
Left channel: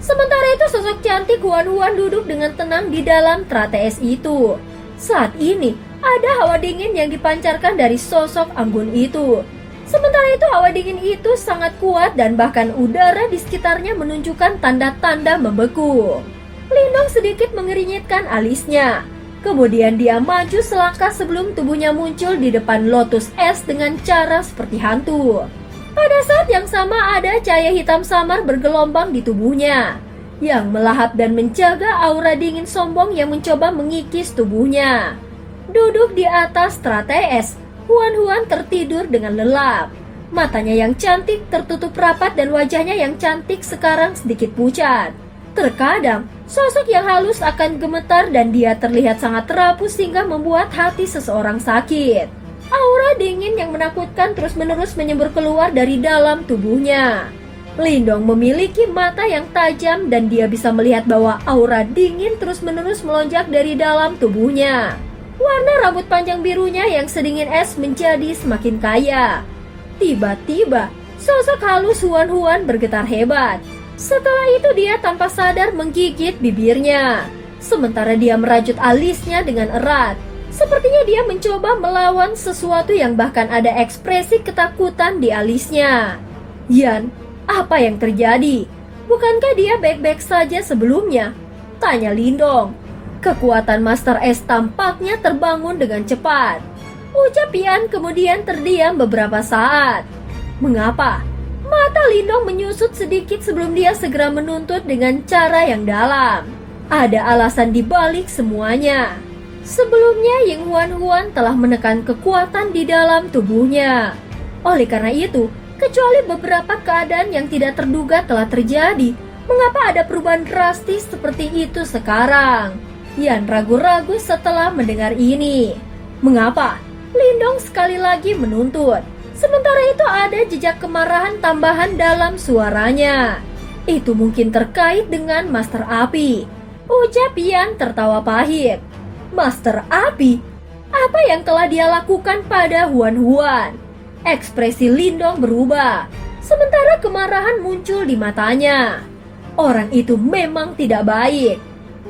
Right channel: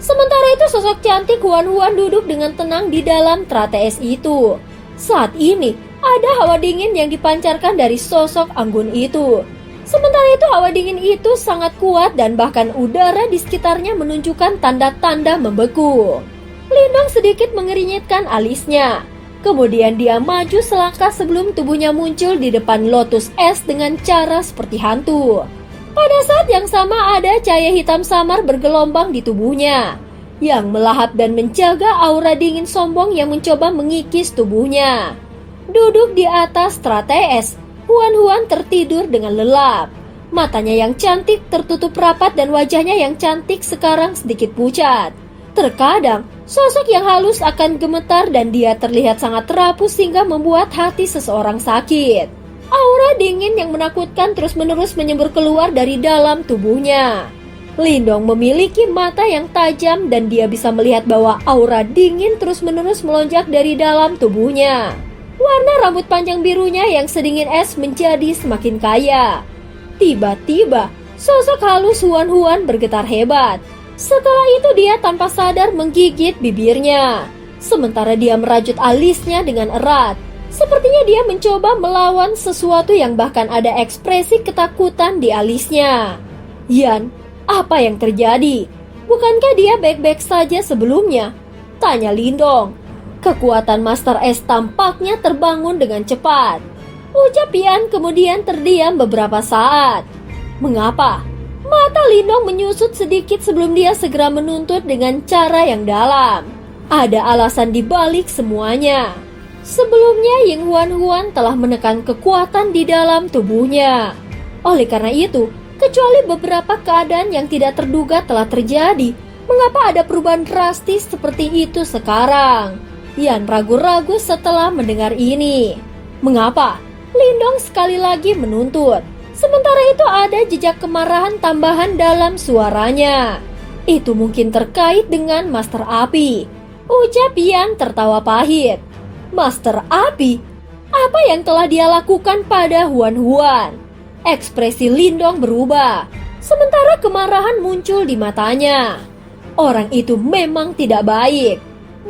Sementara itu sosok cantik Huan Huan duduk dengan tenang di dalam teratai es itu. Saat ini, ada hawa dingin yang dipancarkan dari sosok anggun itu. Sementara itu hawa dingin itu sangat kuat dan bahkan udara di sekitarnya menunjukkan tanda-tanda membeku. Lindong sedikit mengerinyitkan alisnya. Kemudian dia maju selangkah sebelum tubuhnya muncul di depan lotus es dengan cara seperti hantu. Pada saat yang sama ada cahaya hitam samar bergelombang di tubuhnya, yang melahap dan menjaga aura dingin sombong yang mencoba mengikis tubuhnya. Duduk di atas teratai es, Huan Huan tertidur dengan lelap. Matanya yang cantik tertutup rapat dan wajahnya yang cantik sekarang sedikit pucat. Terkadang, sosok yang halus akan gemetar dan dia terlihat sangat rapuh sehingga membuat hati seseorang sakit. Aura dingin yang menakutkan terus-menerus menyembur keluar dari dalam tubuhnya. Lindong memiliki mata yang tajam dan dia bisa melihat bahwa aura dingin terus-menerus melonjak dari dalam tubuhnya. Warna rambut panjang birunya yang sedingin es menjadi semakin kaya. Tiba-tiba, sosok halus Huan Huan bergetar hebat. Setelah itu dia tanpa sadar menggigit bibirnya. Sementara dia merajut alisnya dengan erat. Sepertinya dia mencoba melawan sesuatu yang bahkan ada ekspresi ketakutan di alisnya. Yan, apa yang terjadi? Bukankah dia baik-baik saja sebelumnya? Tanya Lindong. Kekuatan Master S tampaknya terbangun dengan cepat. Ucap Yan kemudian terdiam beberapa saat. Mengapa? Mata Lindong menyusut sedikit sebelum dia segera menuntut dengan cara yang dalam. Ada alasan di balik semuanya. Sebelumnya Ying Huan Huan telah menekan kekuatan di dalam tubuhnya. Oleh karena itu, kecuali beberapa keadaan yang tidak terduga telah terjadi, mengapa ada perubahan drastis seperti itu sekarang? Yan ragu-ragu setelah mendengar ini. Mengapa? Lindong sekali lagi menuntut. Sementara itu ada jejak kemarahan tambahan dalam suaranya. Itu mungkin terkait dengan Master Api. Ucap Yan tertawa pahit. Master Api? Apa yang telah dia lakukan pada Huan Huan? Ekspresi Lindong berubah. Sementara kemarahan muncul di matanya. Orang itu memang tidak baik.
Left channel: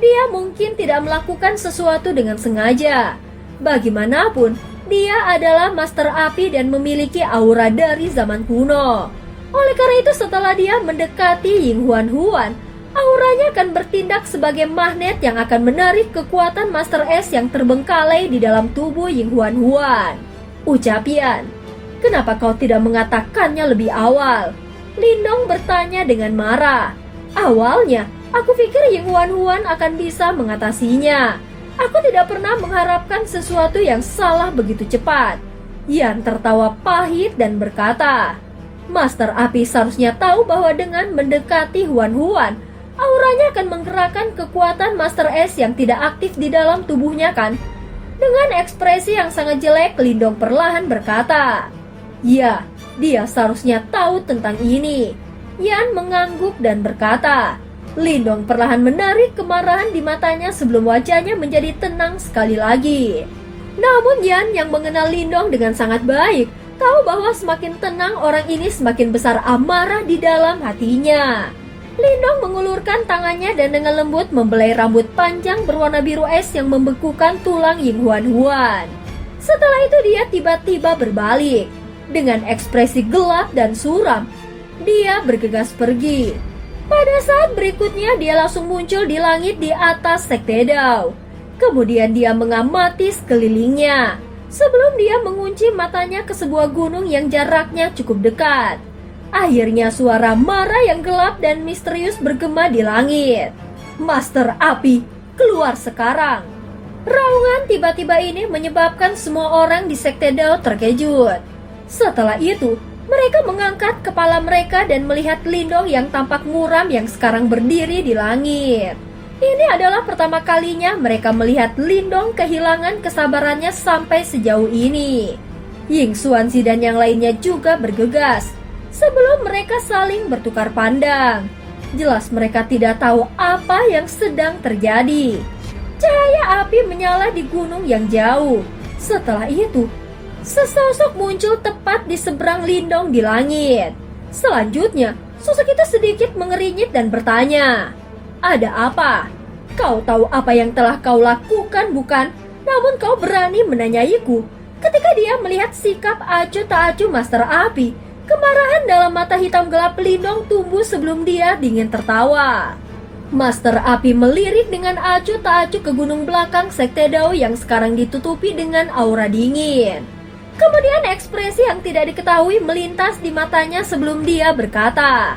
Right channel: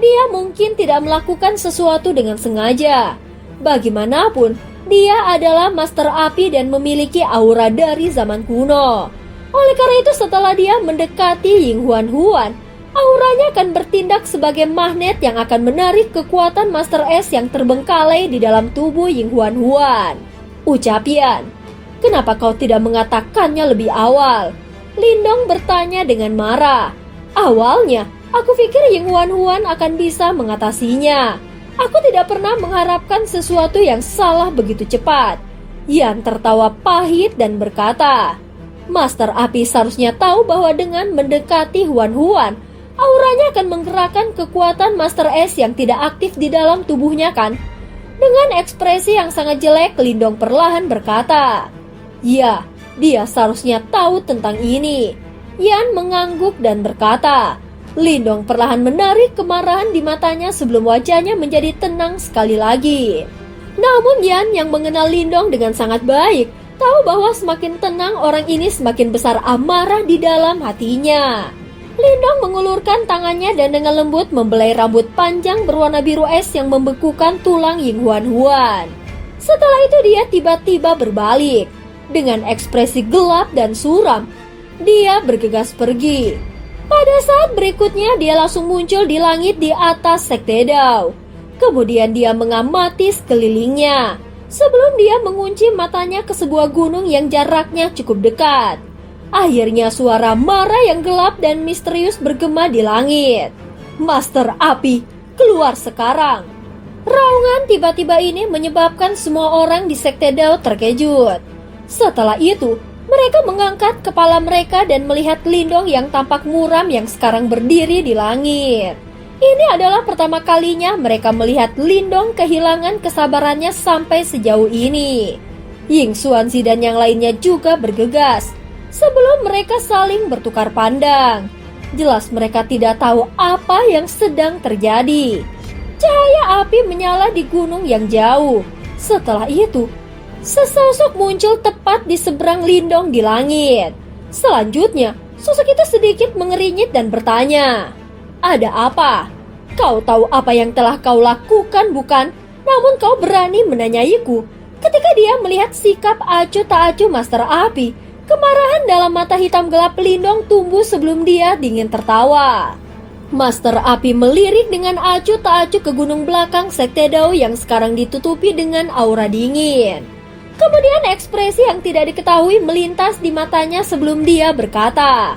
Dia mungkin tidak melakukan sesuatu dengan sengaja. Bagaimanapun, dia adalah Master Api dan memiliki aura dari zaman kuno. Oleh karena itu setelah dia mendekati Ying Huan Huan, auranya akan bertindak sebagai magnet yang akan menarik kekuatan Master S yang terbengkalai di dalam tubuh Ying Huan Huan. Ucap Yan, kenapa kau tidak mengatakannya lebih awal? Lindong bertanya dengan marah. Awalnya, aku pikir Ying Huan akan bisa mengatasinya. Aku tidak pernah mengharapkan sesuatu yang salah begitu cepat. Yan tertawa pahit dan berkata, Master Api seharusnya tahu bahwa dengan mendekati Huan, auranya akan menggerakkan kekuatan Master S yang tidak aktif di dalam tubuhnya kan? Dengan ekspresi yang sangat jelek, Lindong perlahan berkata, Ya, dia seharusnya tahu tentang ini. Yan mengangguk dan berkata. Lindong perlahan menarik kemarahan di matanya sebelum wajahnya menjadi tenang sekali lagi. Namun Yan yang mengenal Lindong dengan sangat baik, tahu bahwa semakin tenang orang ini semakin besar amarah di dalam hatinya. Lindong mengulurkan tangannya dan dengan lembut membelai rambut panjang berwarna biru es yang membekukan tulang Ying Huan. Setelah itu dia tiba-tiba berbalik. Dengan ekspresi gelap dan suram, dia bergegas pergi. Pada saat berikutnya dia langsung muncul di langit di atas Sekte Dao. Kemudian dia mengamati sekelilingnya sebelum dia mengunci matanya ke sebuah gunung yang jaraknya cukup dekat. Akhirnya suara marah yang gelap dan misterius bergema di langit. Master Api, keluar sekarang. Raungan tiba-tiba ini menyebabkan semua orang di Sekte Dao terkejut. Setelah itu, mereka mengangkat kepala mereka dan melihat Lindong yang tampak muram yang sekarang berdiri di langit. Ini adalah pertama kalinya mereka melihat Lindong kehilangan kesabarannya sampai sejauh ini. Ying Xuanzi dan yang lainnya juga bergegas sebelum mereka saling bertukar pandang. Jelas mereka tidak tahu apa yang sedang terjadi. Cahaya api menyala di gunung yang jauh. Setelah itu, sesosok muncul tepat di seberang Lindong di langit. Selanjutnya, sosok itu sedikit mengerinyit dan bertanya, Ada apa? Kau tahu apa yang telah kau lakukan bukan? Namun kau berani menanyaiku. Ketika dia melihat sikap acuh tak acuh Master Api, kemarahan dalam mata hitam gelap Lindong tumbuh sebelum dia dingin tertawa. Master Api melirik dengan acuh tak acuh ke gunung belakang Sekte Dao yang sekarang ditutupi dengan aura dingin. Kemudian ekspresi yang tidak diketahui melintas di matanya sebelum dia berkata,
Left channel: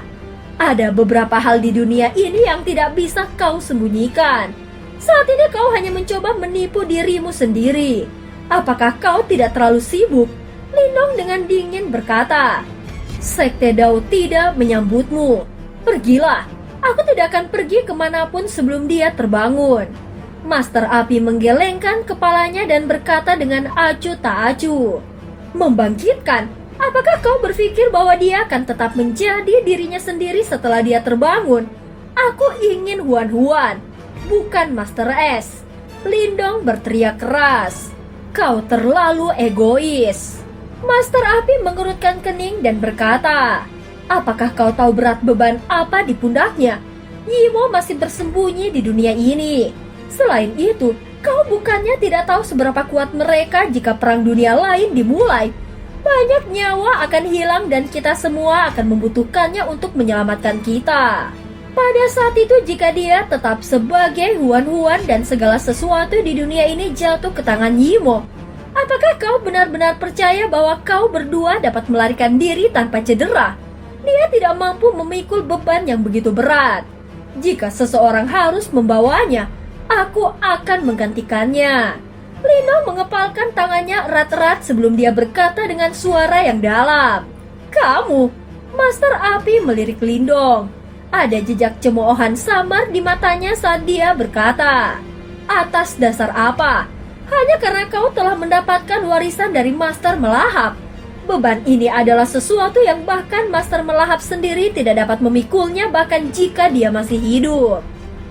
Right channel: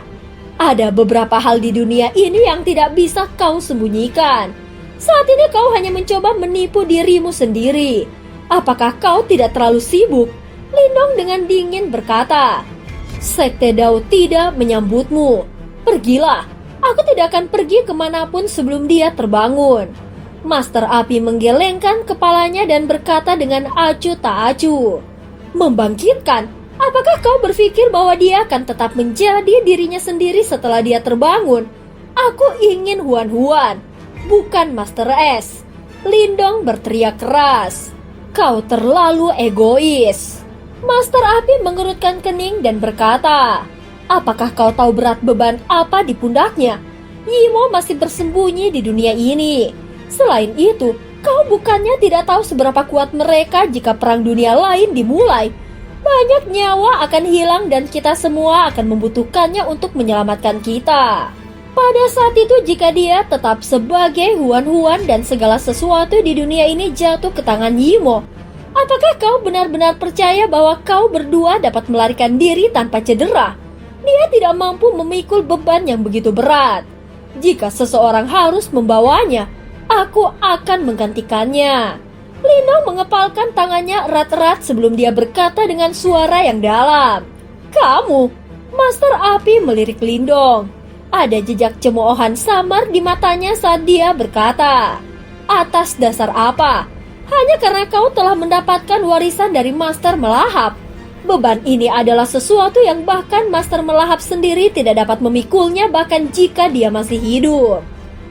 Ada beberapa hal di dunia ini yang tidak bisa kau sembunyikan. Saat ini kau hanya mencoba menipu dirimu sendiri. Apakah kau tidak terlalu sibuk? Lindong dengan dingin berkata, Sekte Dao tidak menyambutmu. Pergilah, aku tidak akan pergi kemanapun sebelum dia terbangun. Master Api menggelengkan kepalanya dan berkata dengan acuh tak acuh, Membangkitkan? Apakah kau berpikir bahwa dia akan tetap menjadi dirinya sendiri setelah dia terbangun? Aku ingin Huan, bukan Master S. Lindong berteriak keras. Kau terlalu egois. Master Api mengerutkan kening dan berkata, Apakah kau tahu berat beban apa di pundaknya? Yimo masih bersembunyi di dunia ini. Selain itu, kau bukannya tidak tahu seberapa kuat mereka jika perang dunia lain dimulai. Banyak nyawa akan hilang dan kita semua akan membutuhkannya untuk menyelamatkan kita. Pada saat itu jika dia tetap sebagai Huan dan segala sesuatu di dunia ini jatuh ke tangan Yimo, apakah kau benar-benar percaya bahwa kau berdua dapat melarikan diri tanpa cedera? Dia tidak mampu memikul beban yang begitu berat. Jika seseorang harus membawanya, aku akan menggantikannya. Lindong mengepalkan tangannya erat-erat sebelum dia berkata dengan suara yang dalam. Kamu, Master Api melirik Lindong. Ada jejak cemoohan samar di matanya saat dia berkata, Atas dasar apa? Hanya karena kau telah mendapatkan warisan dari Master Melahap. Beban ini adalah sesuatu yang bahkan Master Melahap sendiri tidak dapat memikulnya bahkan jika dia masih hidup.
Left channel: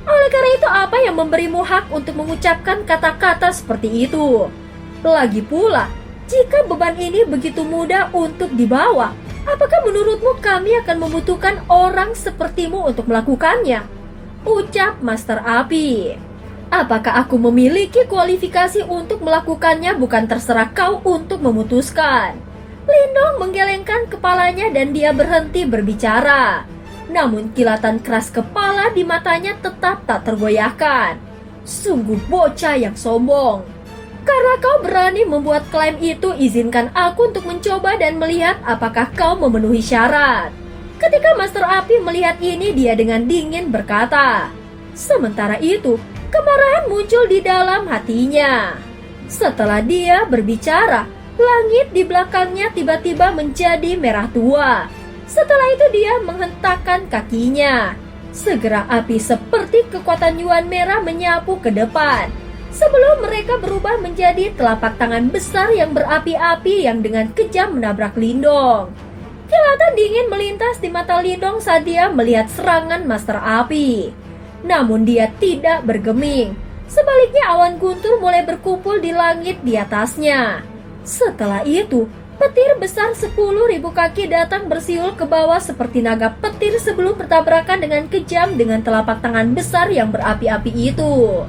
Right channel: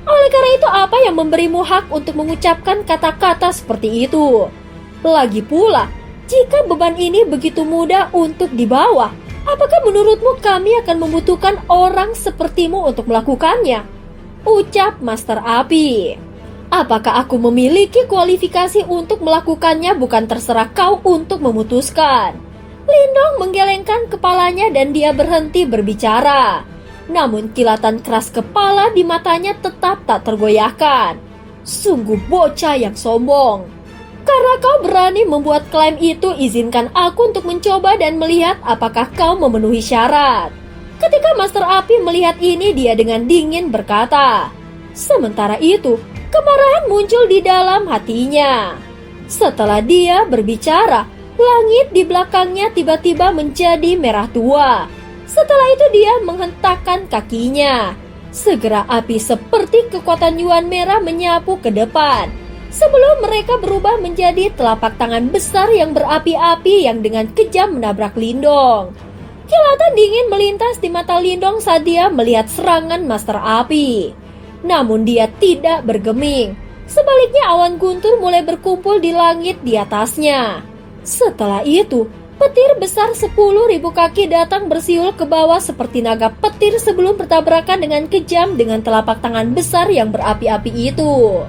Oleh karena itu apa yang memberimu hak untuk mengucapkan kata-kata seperti itu? Lagi pula, jika beban ini begitu mudah untuk dibawa, apakah menurutmu kami akan membutuhkan orang sepertimu untuk melakukannya? Ucap Master Api. Apakah aku memiliki kualifikasi untuk melakukannya bukan terserah kau untuk memutuskan. Lindong menggelengkan kepalanya dan dia berhenti berbicara. Namun kilatan keras kepala di matanya tetap tak tergoyahkan. Sungguh bocah yang sombong. Karena kau berani membuat klaim itu, izinkan aku untuk mencoba dan melihat apakah kau memenuhi syarat. Ketika Master Api melihat ini, dia dengan dingin berkata. Sementara itu, kemarahan muncul di dalam hatinya. Setelah dia berbicara, langit di belakangnya tiba-tiba menjadi merah tua. Setelah itu dia menghentakkan kakinya. Segera api seperti kekuatan Yuan merah menyapu ke depan. Sebelum mereka berubah menjadi telapak tangan besar yang berapi-api yang dengan kejam menabrak Lindong. Kilatan dingin melintas di mata Lindong saat dia melihat serangan Master Api. Namun dia tidak bergeming. Sebaliknya awan guntur mulai berkumpul di langit di atasnya. Setelah itu, petir besar 10.000 kaki datang bersiul ke bawah seperti naga petir sebelum bertabrakan dengan kejam dengan telapak tangan besar yang berapi-api itu.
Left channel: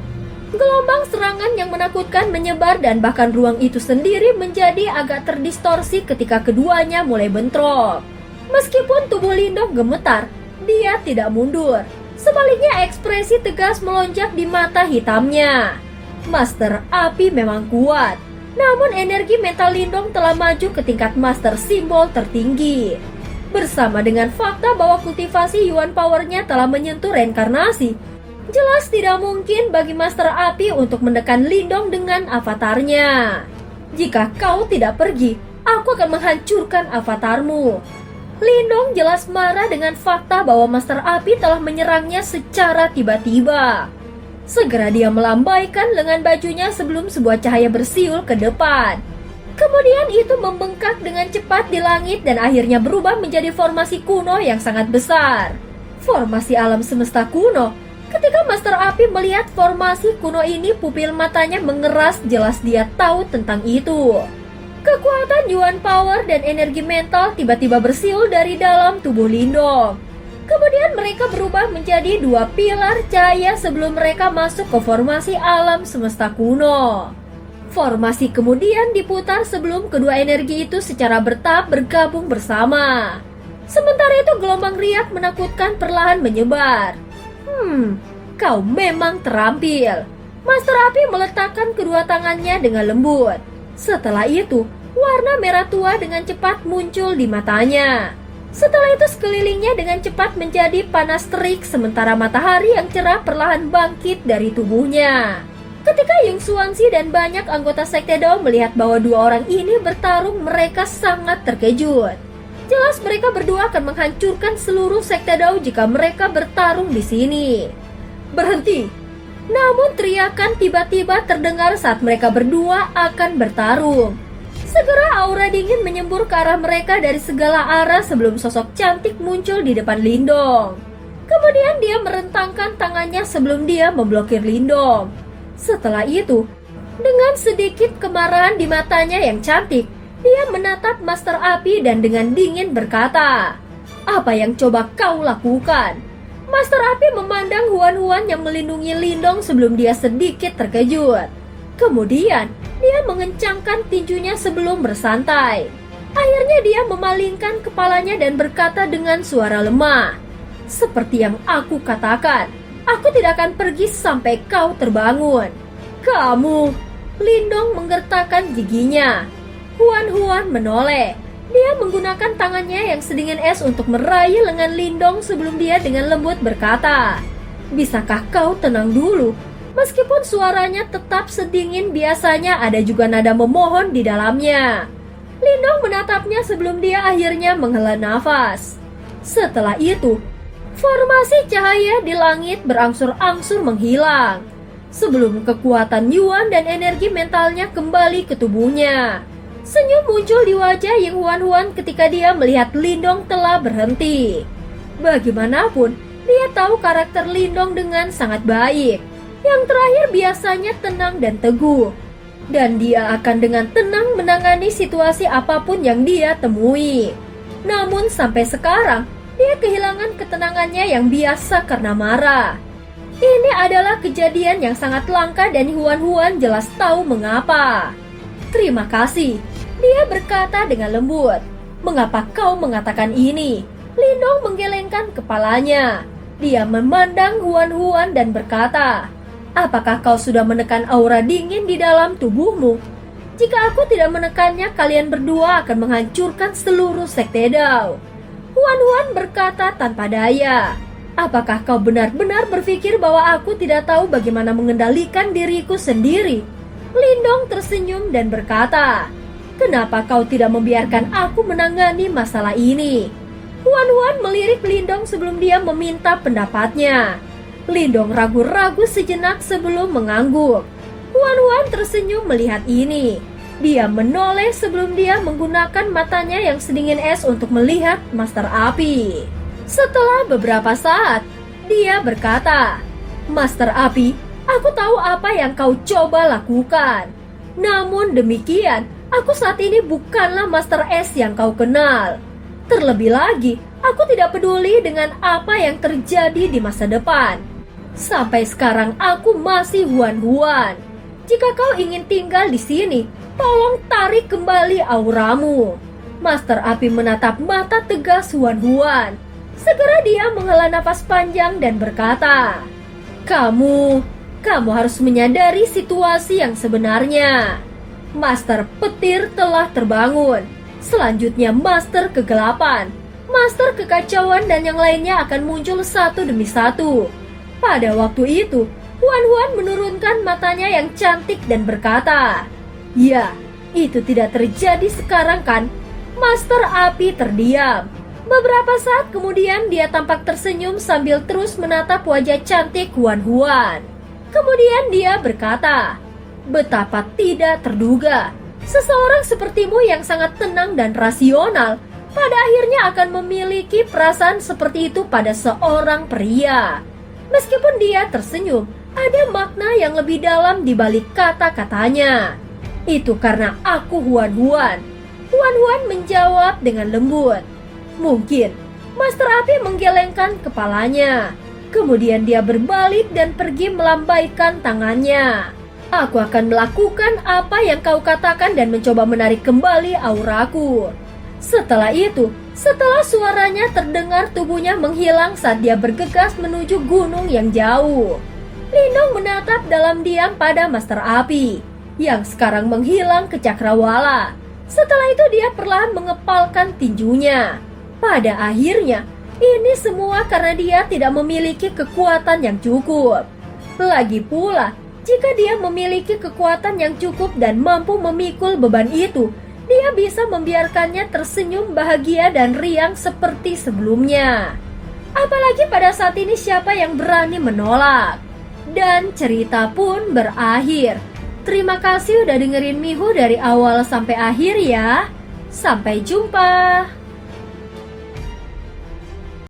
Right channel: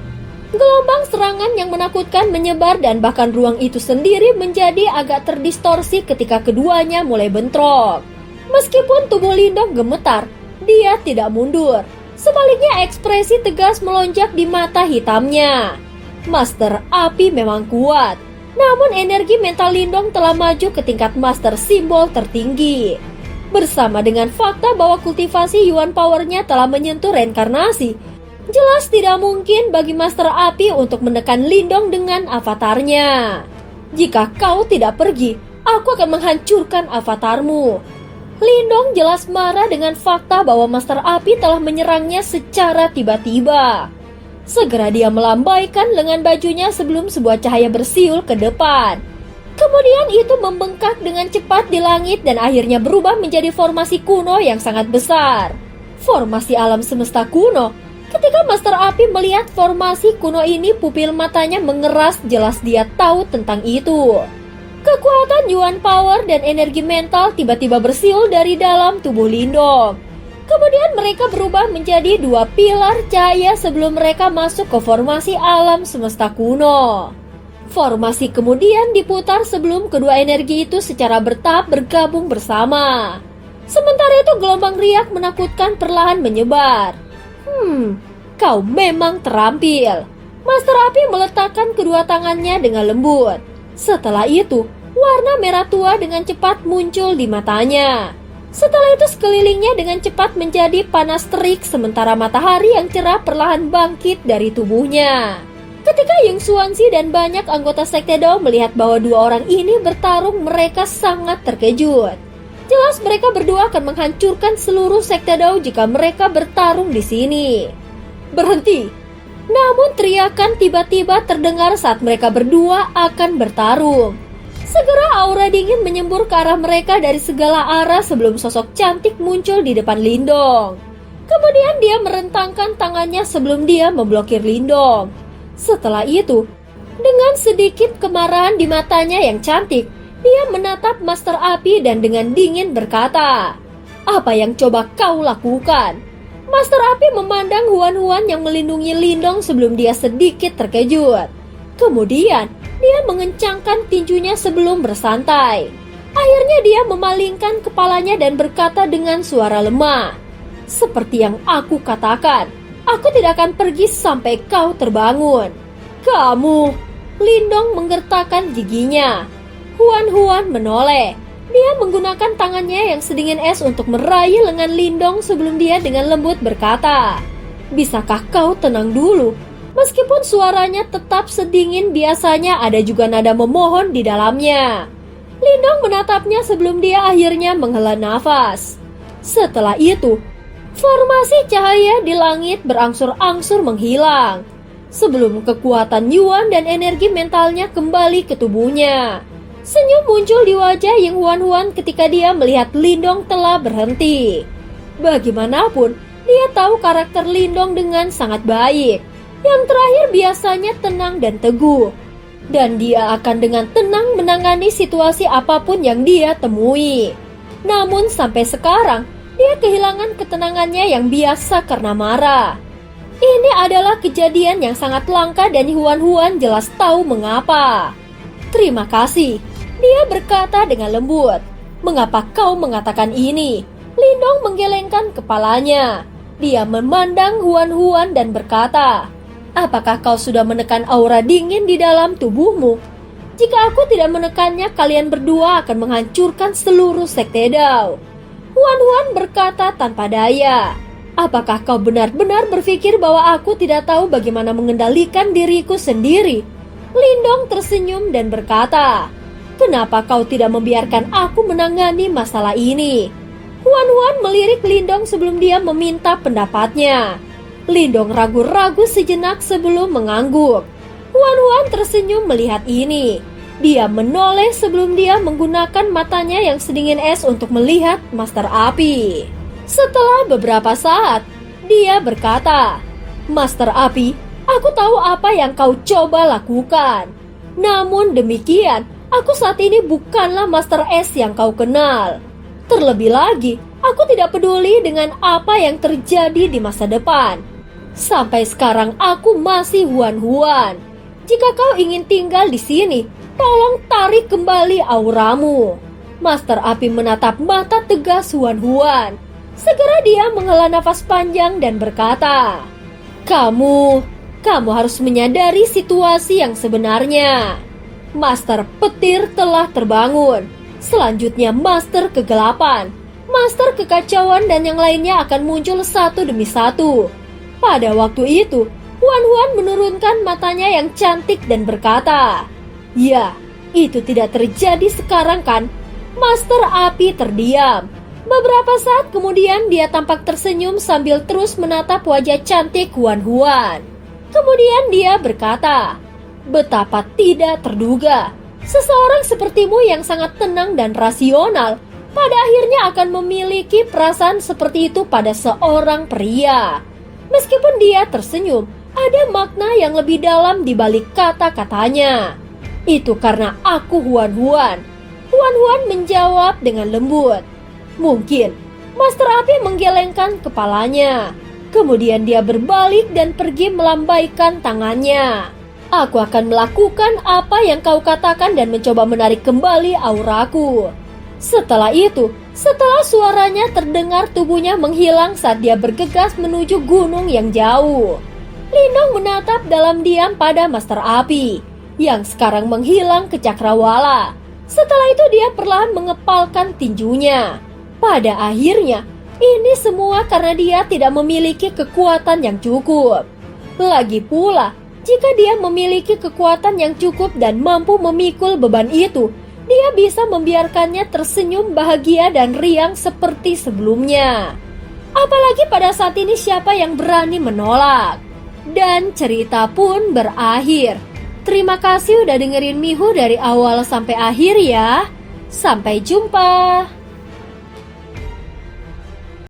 Gelombang serangan yang menakutkan menyebar dan bahkan ruang itu sendiri menjadi agak terdistorsi ketika keduanya mulai bentrok. Meskipun tubuh Lindong gemetar, dia tidak mundur. Sebaliknya ekspresi tegas melonjak di mata hitamnya. Master Api memang kuat, namun energi mental Lindong telah maju ke tingkat Master Simbol tertinggi. Bersama dengan fakta bahwa kultivasi Yuan Power-nya telah menyentuh reinkarnasi, jelas tidak mungkin bagi Master Api untuk menekan Lindong dengan avatarnya. Jika kau tidak pergi, aku akan menghancurkan avatarmu. Lindong jelas marah dengan fakta bahwa Master Api telah menyerangnya secara tiba-tiba. Segera dia melambaikan lengan bajunya sebelum sebuah cahaya bersiul ke depan. Kemudian itu membengkak dengan cepat di langit dan akhirnya berubah menjadi formasi kuno yang sangat besar. Formasi alam semesta kuno. Ketika Master Api melihat formasi kuno ini, pupil matanya mengeras, jelas dia tahu tentang itu. Kekuatan Yuan Power dan energi mental tiba-tiba bersiul dari dalam tubuh Lindong. Kemudian mereka berubah menjadi dua pilar cahaya sebelum mereka masuk ke formasi alam semesta kuno. Formasi kemudian diputar sebelum kedua energi itu secara bertahap bergabung bersama. Sementara itu gelombang riak menakutkan perlahan menyebar. Kau memang terampil. Master Api meletakkan kedua tangannya dengan lembut. Setelah itu, warna merah tua dengan cepat muncul di matanya. Setelah itu sekelilingnya dengan cepat menjadi panas terik sementara matahari yang cerah perlahan bangkit dari tubuhnya. Ketika Ying Xuanxi dan banyak anggota Sekte Dao melihat bahwa dua orang ini bertarung, mereka sangat terkejut. Jelas mereka berdua akan menghancurkan seluruh Sekte Dao jika mereka bertarung di sini. Berhenti! Namun teriakan tiba-tiba terdengar saat mereka berdua akan bertarung. Segera aura dingin menyembur ke arah mereka dari segala arah sebelum sosok cantik muncul di depan Lindong. Kemudian dia merentangkan tangannya sebelum dia memblokir Lindong. Setelah itu, dengan sedikit kemarahan di matanya yang cantik, dia menatap Master Api dan dengan dingin berkata, "Apa yang coba kau lakukan?" Master Api memandang Huan-Huan yang melindungi Lindong sebelum dia sedikit terkejut. Kemudian, dia mengencangkan tinjunya sebelum bersantai. Akhirnya dia memalingkan kepalanya dan berkata dengan suara lemah, "Seperti yang aku katakan, aku tidak akan pergi sampai kau terbangun." "Kamu!" Lindong menggertakkan giginya. Huan-Huan menoleh. Dia menggunakan tangannya yang sedingin es untuk meraih lengan Lindong sebelum dia dengan lembut berkata, "Bisakah kau tenang dulu?" Meskipun suaranya tetap sedingin biasanya, ada juga nada memohon di dalamnya. Lindong menatapnya sebelum dia akhirnya menghela nafas. Setelah itu, formasi cahaya di langit berangsur-angsur menghilang. Sebelum kekuatan Yuan dan energi mentalnya kembali ke tubuhnya. Senyum muncul di wajah Ying Huan-Huan ketika dia melihat Lindong telah berhenti. Bagaimanapun, dia tahu karakter Lindong dengan sangat baik. Yang terakhir biasanya tenang dan teguh. Dan dia akan dengan tenang menangani situasi apapun yang dia temui. Namun sampai sekarang, dia kehilangan ketenangannya yang biasa karena marah. Ini adalah kejadian yang sangat langka dan Huan-Huan jelas tahu mengapa. "Terima kasih," dia berkata dengan lembut. "Mengapa kau mengatakan ini?" Lindong menggelengkan kepalanya. Dia memandang Huan-Huan dan berkata, "Apakah kau sudah menekan aura dingin di dalam tubuhmu? Jika aku tidak menekannya, kalian berdua akan menghancurkan seluruh Sekte Dao." Huan berkata tanpa daya, "Apakah kau benar-benar berpikir bahwa aku tidak tahu bagaimana mengendalikan diriku sendiri?" Lindong tersenyum dan berkata, "Kenapa kau tidak membiarkan aku menangani masalah ini?" Huan melirik Lindong sebelum dia meminta pendapatnya. Lindong ragu-ragu sejenak sebelum mengangguk. Huan tersenyum melihat ini. Dia menoleh sebelum dia menggunakan matanya yang sedingin es untuk melihat Master Api. Setelah beberapa saat, dia berkata, "Master Api, aku tahu apa yang kau coba lakukan. Namun demikian, aku saat ini bukanlah Master Es yang kau kenal. Terlebih lagi, aku tidak peduli dengan apa yang terjadi di masa depan. Sampai sekarang aku masih Huan. Jika kau ingin tinggal di sini, tolong tarik kembali auramu." Master Api menatap mata tegas Huan. Segera dia menghela nafas panjang dan berkata, Kamu harus menyadari situasi yang sebenarnya. Master Petir telah terbangun. Selanjutnya Master Kegelapan, Master Kekacauan dan yang lainnya akan muncul satu demi satu. Pada waktu itu, Huan menurunkan matanya yang cantik dan berkata, "Ya, itu tidak terjadi sekarang kan?" Master Api terdiam. Beberapa saat kemudian dia tampak tersenyum sambil terus menatap wajah cantik Huan. Kemudian dia berkata, "Betapa tidak terduga. Seseorang sepertimu yang sangat tenang dan rasional pada akhirnya akan memiliki perasaan seperti itu pada seorang pria." Meskipun dia tersenyum, ada makna yang lebih dalam di balik kata-katanya. "Itu karena aku Huan." Huan menjawab dengan lembut. Mungkin Master Api menggelengkan kepalanya. Kemudian dia berbalik dan pergi melambaikan tangannya. "Aku akan melakukan apa yang kau katakan dan mencoba menarik kembali auraku." Setelah itu, setelah suaranya terdengar, tubuhnya menghilang saat dia bergegas menuju gunung yang jauh. Lindong menatap dalam diam pada Master Api yang sekarang menghilang ke cakrawala. Setelah itu dia perlahan mengepalkan tinjunya. Pada akhirnya, ini semua karena dia tidak memiliki kekuatan yang cukup. Lagi pula, jika dia memiliki kekuatan yang cukup dan mampu memikul beban itu, dia bisa membiarkannya tersenyum bahagia dan riang seperti sebelumnya. Apalagi pada saat ini siapa yang berani menolak? Dan cerita pun berakhir. Terima kasih udah dengerin Mihu dari awal sampai akhir ya. Sampai jumpa.